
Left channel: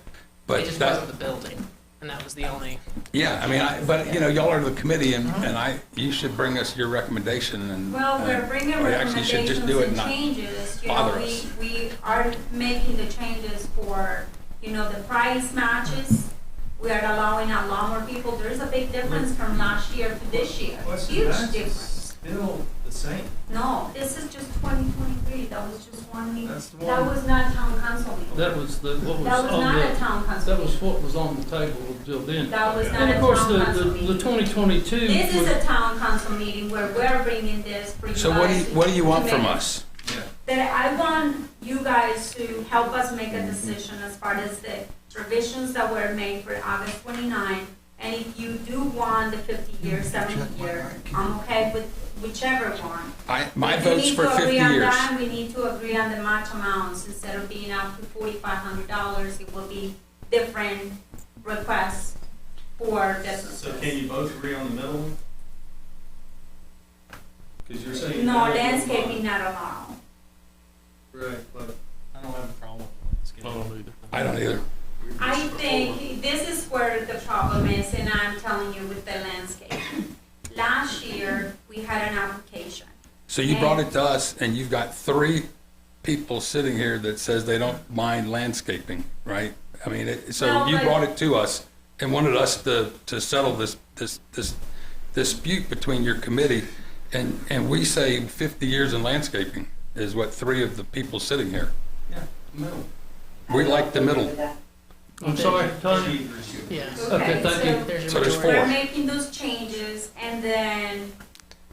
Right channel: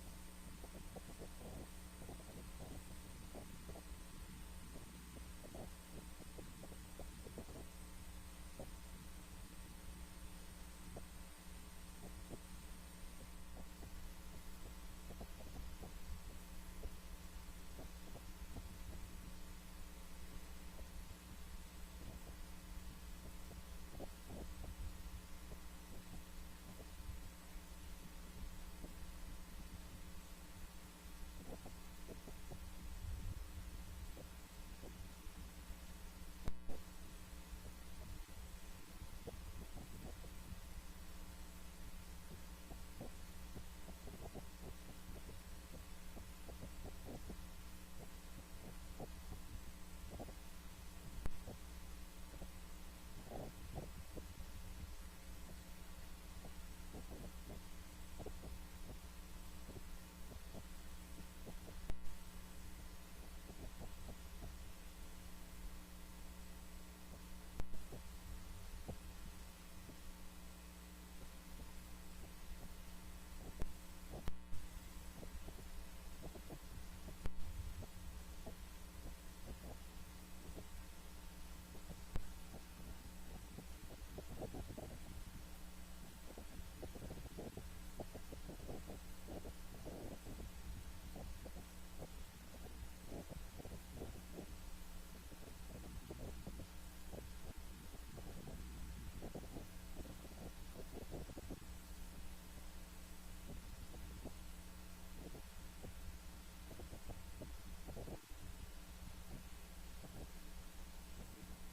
It just wasn't the building, and that was the only. yeah, I mean, but, you know, y'all are the committee, and you should bring us your recommendation, and. Well, we're bringing or actually you should just recommendations do it and not changes, you know, bother us. we are making the changes for, you know, the price matches. We are allowing a lot more people, there's a big difference from last year to this year, What's the huge max is difference. Still the same. No, this is just 2023, that was just one meeting, That's the that one. was not town council meeting. That was what was That was on not a the, town council that was meeting. what was on the table until then. That was not And a of course, town council the meeting. 2022. This is was- a town council meeting where we're bringing this for you guys. So what do you want to from make. us? Yeah. That I want you guys to help us make a decision as far as the revisions that were made for August 29. And if you do want the 50 year, 70 year, I'm okay with whichever one. My If we vote's need for to agree 50 on years. that, we need to agree on the match amounts. Instead of being up to $4,500, it will be different requests for businesses. So can you both agree on the middle one? Because you're saying. No, that- landscaping not allowed. Right, but I don't have a problem with I landscape. don't either. I don't either. I think this is where the problem is, and I'm telling you with the landscape. Last year, we had an application. So you brought it to us, and you've got 3 people sitting here that says they don't mind landscaping, right? I mean, so No, you but- brought it to us and wanted us to settle this dispute between your committee, and we say 50 years in landscaping is what 3 of the people sitting here. Yeah, middle. We like the middle. I'm sorry, Tony? She- Yeah. Okay, thank you. There's So your there's majority. We're making those changes, and then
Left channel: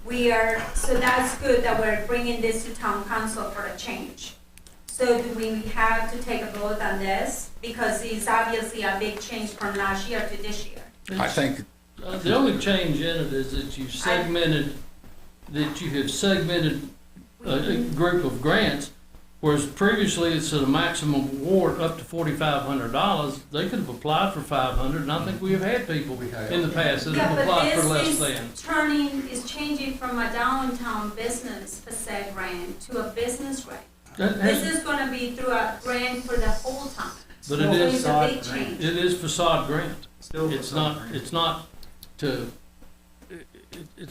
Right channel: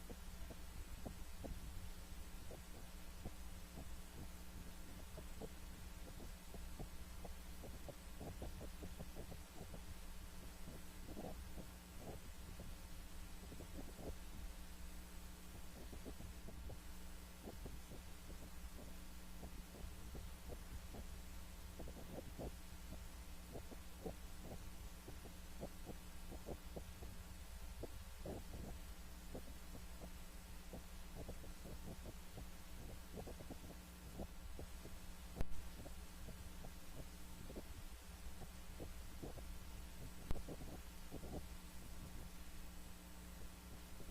we are, so that's good that we're bringing this to town council for a change. So do we have to take a vote on this? Because it's obviously a big change from last year to this year. I think, The only change in it is that you have segmented a group of grants, whereas previously it's at a maximum award up to $4,500. They could have applied for 500, and I think we have had people in the past that have applied for less than. Is changing from a downtown business facade grant to a business grant. That This has, is gonna be through a grant for the whole town. but So it is, it's a big change. it is facade grant. Still It's facade not, grant. it's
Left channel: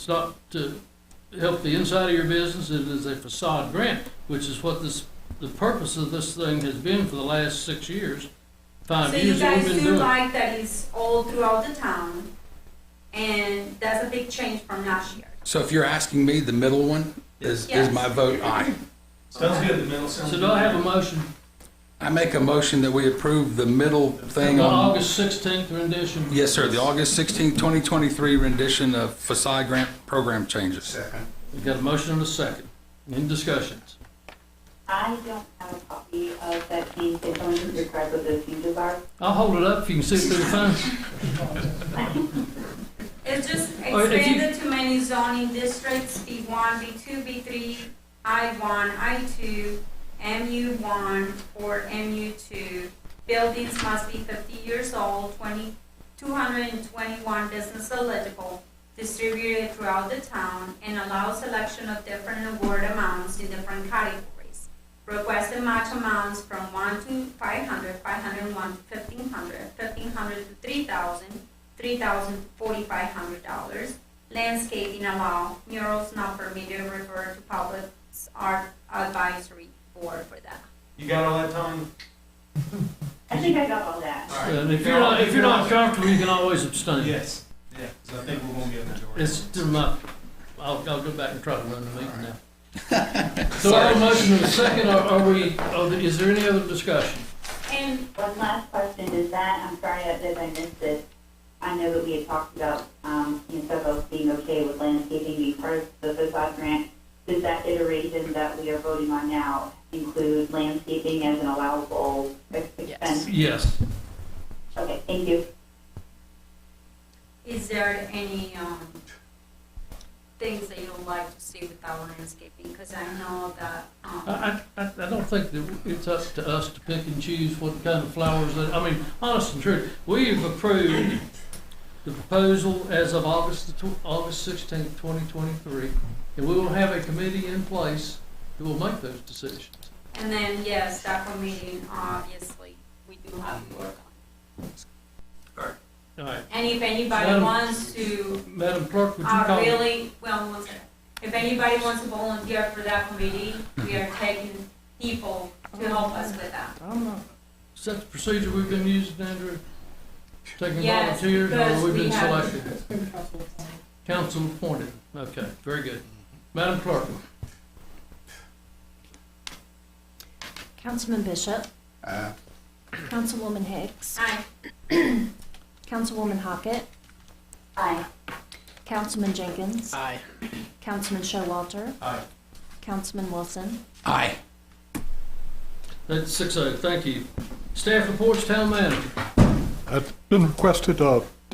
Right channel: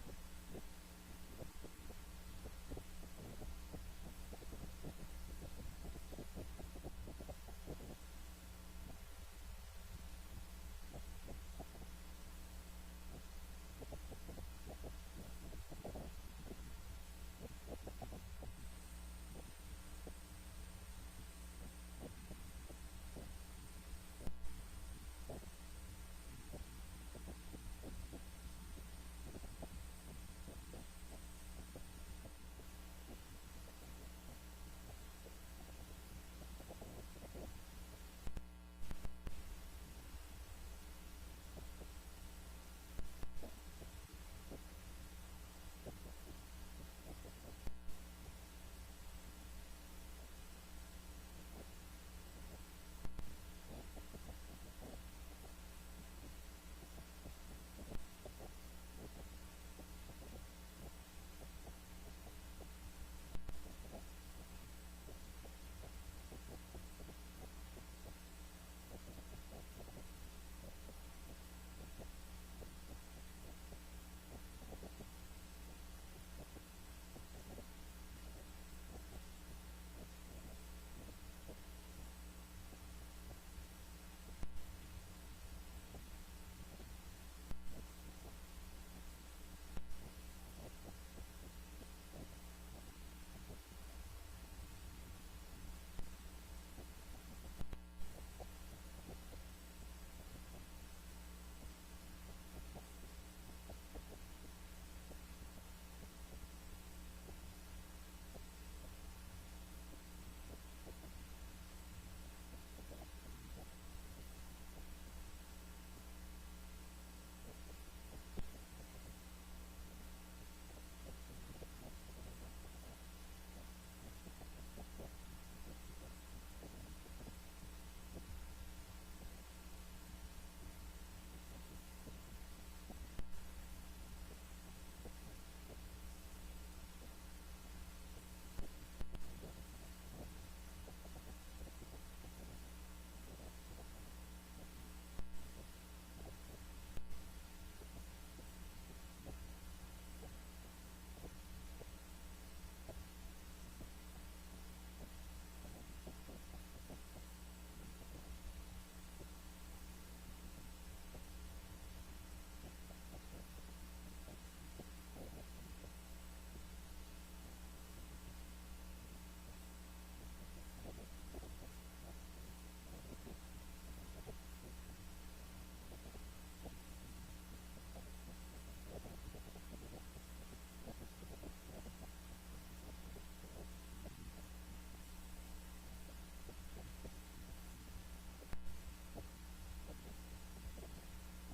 not to help the inside of your business. It is a facade grant, which is what the purpose of this thing has been for the last 6 years, 5 So you years that we've guys been do doing it. like that it's all throughout the town, and that's a big change from last year. So if you're asking me, the middle one is Yes. my vote aye. Sounds good, the middle sounds So good. do I have a motion I make a motion that we approve the middle for thing the on, August 16th rendition? yes, sir, the August 16, 2023 rendition of facade grant program changes. Second. We've got a motion and a second. Any discussions? I don't have a copy of that change. Can someone just describe what those changes are? I'll hold it up if you can see it through the phone. It's just Oh, if you- expanded to many zoning districts, B1, B2, B3, I1, I2, MU1, or MU2. Buildings must be 50 years old, 221 business eligible, distributed throughout the town, and allow selection of different award amounts in different categories. Requested match amounts from 1 to 500, 501 to 1,500, 1,500 to 3,000, 3,000 to $4,500. Landscaping allow, murals not permitted, refer to public art advisory board for that. You got all that, Tony? I think I got all that. All right. And if you're not comfortable, you can always abstain. Yes, yeah, so I think we're gonna get a majority. It's to my, I'll go back and try to run the meeting now. So I have a motion and a second, is there any other discussion? And One last question is that, I'm sorry that I missed it. I know that we had talked about, stuff of being okay with landscaping being part of the facade grant. Does that iteration that we are voting on now include landscaping as an allowable expense? Yes. Okay, thank you. is there any, things that you would like to see with our landscaping? Because I know that, I don't think that it's up to us to pick and choose what kind of flowers that, I mean, honest and true, we have approved the proposal as of August 16th, 2023, and we will have a committee in place that will make those decisions. and then, yes, that committee, obviously, we do have to work on. All right, And if anybody Madam- wants to, Madam Clerk, would you call? really, well, one second. If anybody wants to volunteer for that committee, we are taking people to help us with that. I'm not, is that the procedure we've been using, Andrew? Taking Yes, volunteers, or because we've we been have- selected? It's been council appointed. Council appointed, okay, very good. Madam Clerk? Councilman Bishop, Uh, Councilwoman Hicks, Aye. Councilwoman Hockett, Aye. Councilman Jenkins, Aye. Councilman Showalter, Aye. Councilman Wilson. Aye. That's 6-0, thank you. Staff reports, town manager. I've been requested,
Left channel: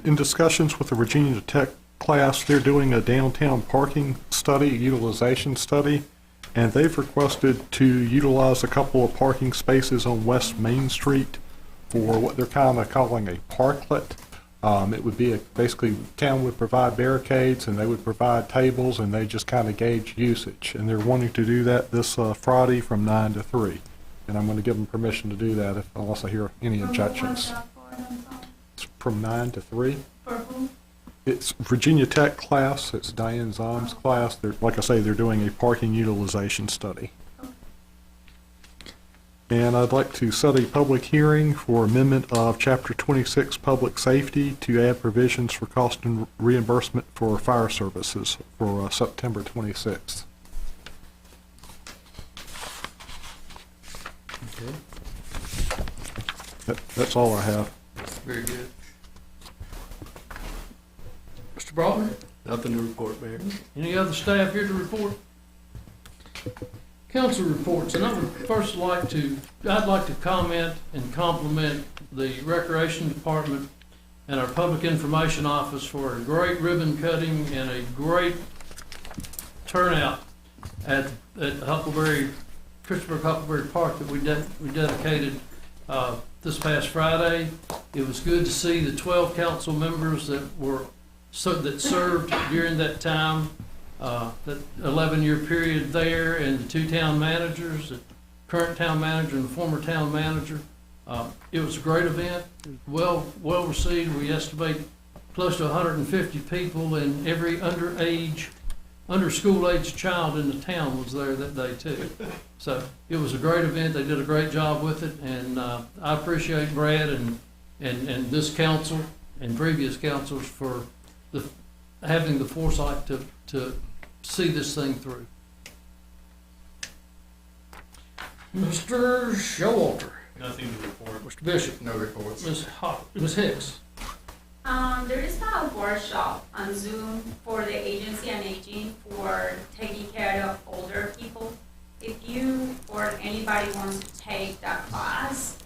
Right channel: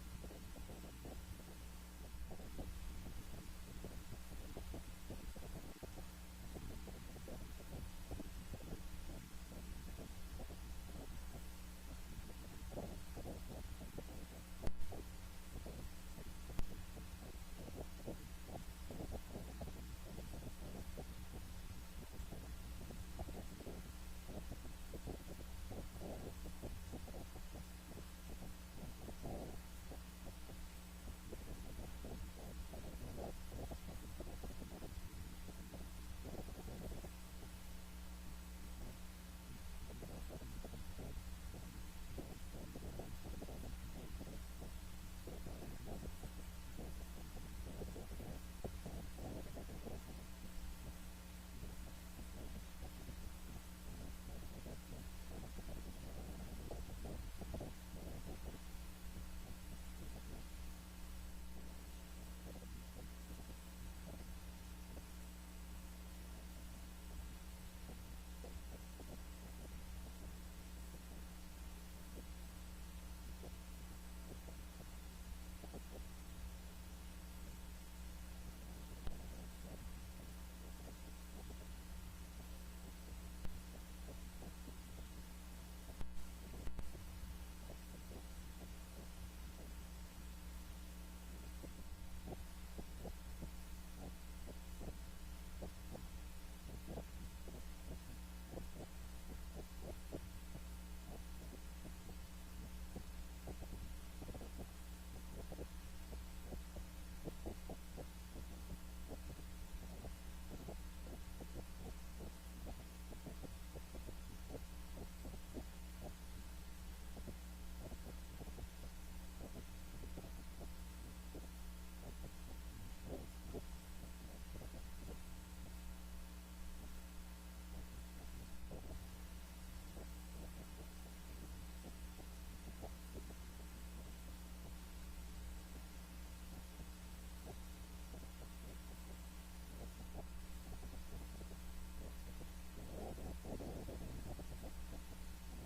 in discussions with the Virginia Tech class, they're doing a downtown parking study, utilization study, and they've requested to utilize a couple of parking spaces on West Main Street for what they're kind of calling a parklet. It would be basically, town would provide barricades and they would provide tables and they just kind of gauge usage. And they're wanting to do that this Friday from 9 to 3. And I'm going to give them permission to do that unless I hear any objections. It's from 9 to 3. For who? It's Virginia Tech class, it's Diane Zom's class. They're, like I say, they're doing a parking utilization study. And I'd like to set a public hearing for amendment of Chapter 26 Public Safety to add provisions for cost and reimbursement for fire services for September 26th. That's all I have. Very good. Mr. Broughton, Nothing to report, Mayor. any other staff here to report? Council reports, and I'd like to comment and compliment the Recreation Department and our Public Information Office for a great ribbon cutting and a great turnout at at Huckleberry, Christopher Huckleberry Park that we dedicated this past Friday. It was good to see the 12 council members that served during that time, that 11-year period there, and the 2 town managers, the current town manager and the former town manager. It was a great event, well received. We estimate close to 150 people, and every under school age child in the town was there that day too. So it was a great event. They did a great job with it, and I appreciate Brad and this council and previous councils for having the foresight to see this thing through. Mr. Showalter. Nothing to report. Mr. Bishop. No reports. Ms. Hicks. There is a workshop on Zoom for the Agency on Aging for taking care of older people. If you or anybody wants to take that class,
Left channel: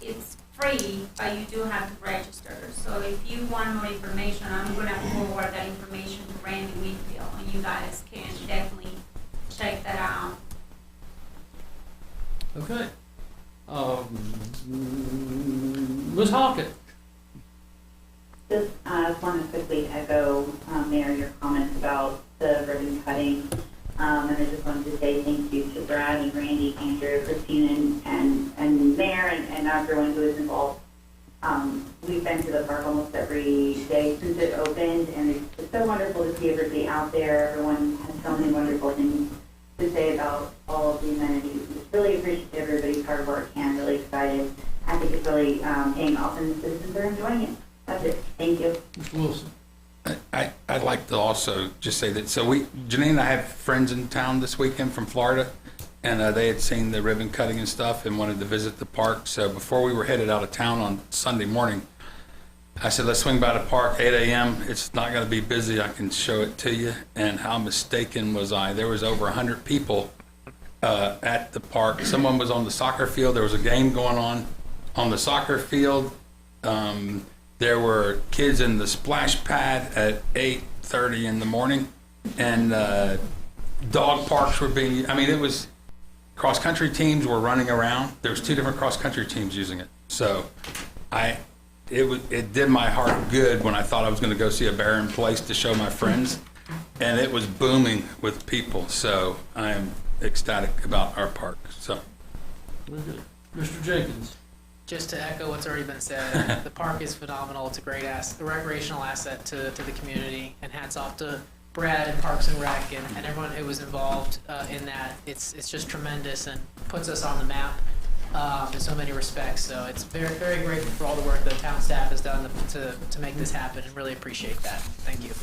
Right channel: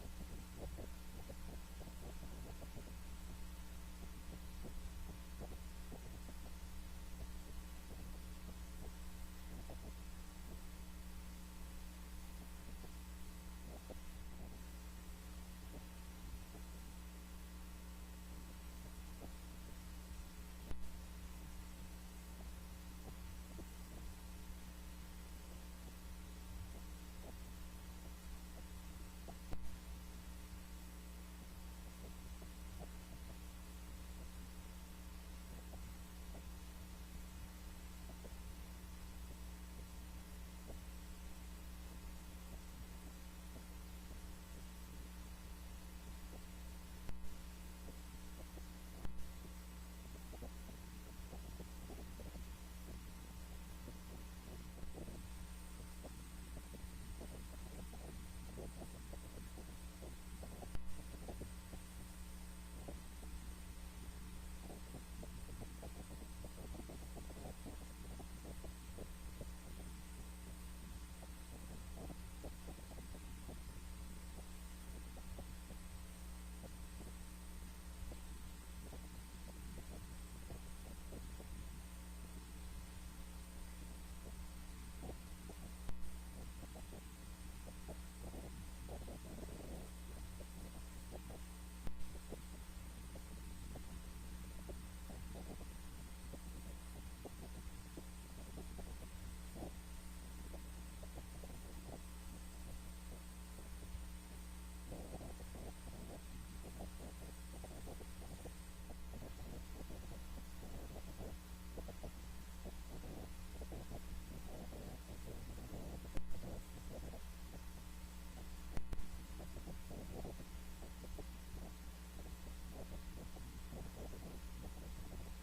it's free, but you do have to register. So if you want more information, I'm gonna forward that information to Randy Wheatfield, and you guys can definitely check that out. Okay. Ms. Hockett. Just want to quickly echo, Mayor, your comments about the ribbon cutting. And I just wanted to say thank you to Brad and Randy, Andrew, Christine, and Mayor, and everyone who is involved. We've been to the park almost every day since it opened, and it's so wonderful to see everybody out there. Everyone has so many wonderful things to say about all of the amenities. Just really appreciate everybody's hard work, and really excited. I think it's really paying off, and the citizens are enjoying it. That's it. Thank you. Mr. Wilson. I'd like to also just say that, Janine and I have friends in town this weekend from Florida, and they had seen the ribbon cutting and stuff and wanted to visit the park. So before we were headed out of town on Sunday morning, I said, let's swing by the park, 8 a.m. It's not going to be busy. I can show it to you. And how mistaken was I? There was over 100 people at the park. Someone was on the soccer field. There was a game going on the soccer field. There were kids in the splash pad at 8:30 in the morning, and dog parks were it was cross-country teams were running around. There was 2 different cross-country teams using it. So it did my heart good when I thought I was going to go see a barren place to show my friends, and it was booming with people. So I am ecstatic about our park. So. Very good. Mr. Jenkins. Just to echo what's already been said, the park is phenomenal. It's a great a recreational asset to the community, and hats off to Brad and Parks and Rec and everyone who was involved in that. It's just tremendous and puts us on the map in so many respects. So it's very, very grateful for all the work the town staff has done to make this happen, and really appreciate that. Thank you.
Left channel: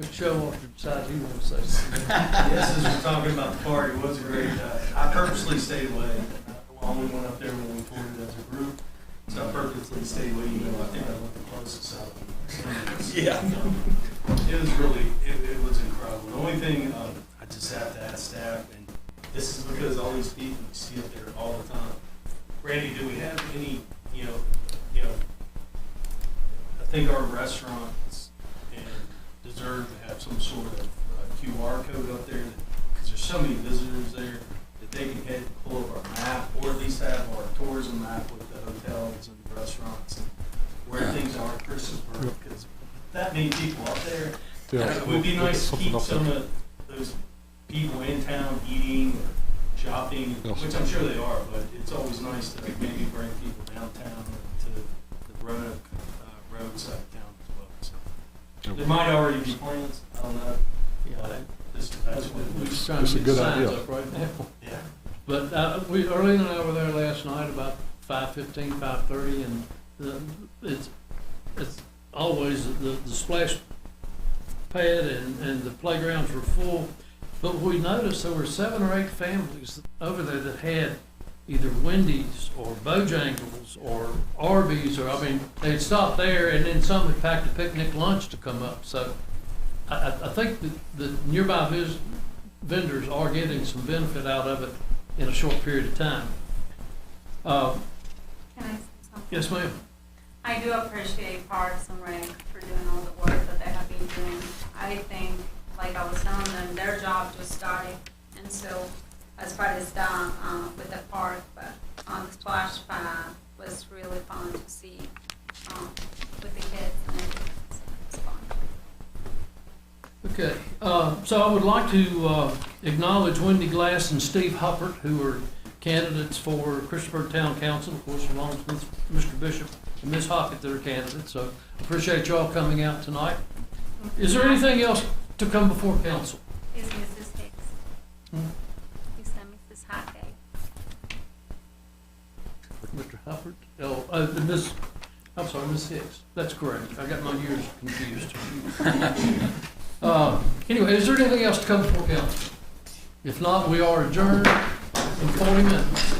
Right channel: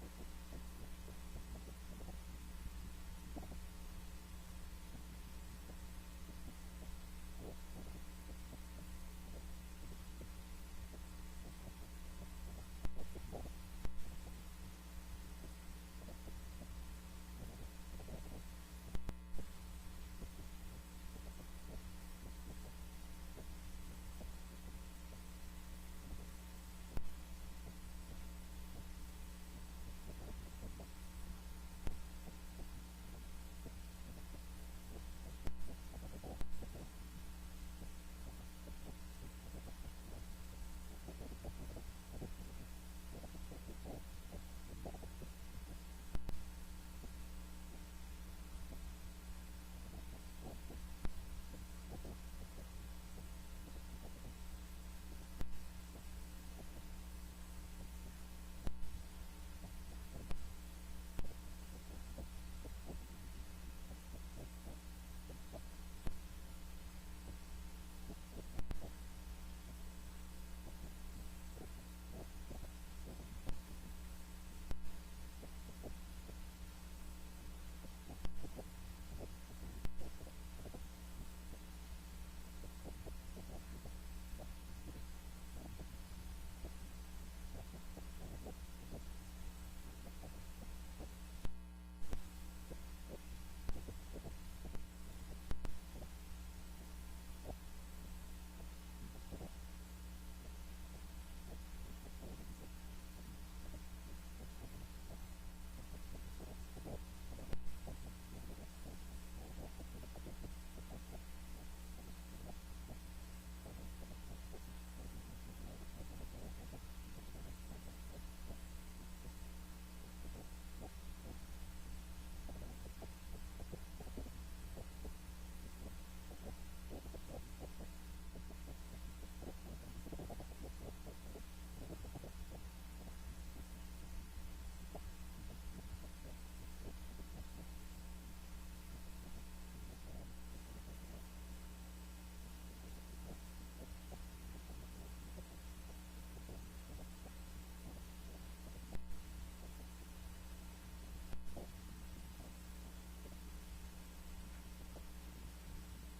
Mr. Showalter decides he wants to say something. Yes, as we're talking about the park, it was a great, I purposely stayed away. I only went up there when we toured it as a group, so I purposely stayed away, even though I think I looked the closest out. Yeah. It was really, it was incredible. The only thing, I just have to ask staff, and this is because all these people you see up there all the time. Randy, do we have any, I think our restaurants deserve to have some sort of QR code up there, because there's so many visitors there that they can head and pull up our map, or at least have our tourism map with the hotels and restaurants and where things are in Christopher, because that many people up there, it would be nice to keep some of those people in town eating or shopping, which I'm sure they are, but it's always nice to maybe bring people downtown to the roadside town as well. So there might already be plans. I don't know. That's what We're trying to get signs up right now. Yeah. But Arlene and I were there last night about 5:15, 5:30, and it's always the splash pad and the playgrounds were full. But we noticed there were 7 or 8 families over there that had either Wendy's or Bojangles or Arby's, or they'd stopped there, and then some had packed a picnic lunch to come up. So I think that the nearby vendors are getting some benefit out of it in a short period of time. Can I say something? Yes, ma'am. I do appreciate Parks and Rec for doing all the work that they have been doing. I think, like I was telling them, their job just started so as far as the, with the park, but on the splash pad was really fun to see, with the kids and everything, so it's fun. Okay, so I would like to acknowledge Wendy Glass and Steve Huppert, who are candidates for Christiansburg Town Council, of course, along with Mr. Bishop and Ms. Hockett that are candidates, so appreciate y'all coming out tonight. Is there anything else to come before council? Is Mrs. Hicks? Hmm? Is that Mrs. Hackett? Mr. Huppert? Ms., I'm sorry, Ms. Hicks. That's correct. I got my years confused. Anyway, is there anything else to come before council? If not, we are adjourned in 40 minutes.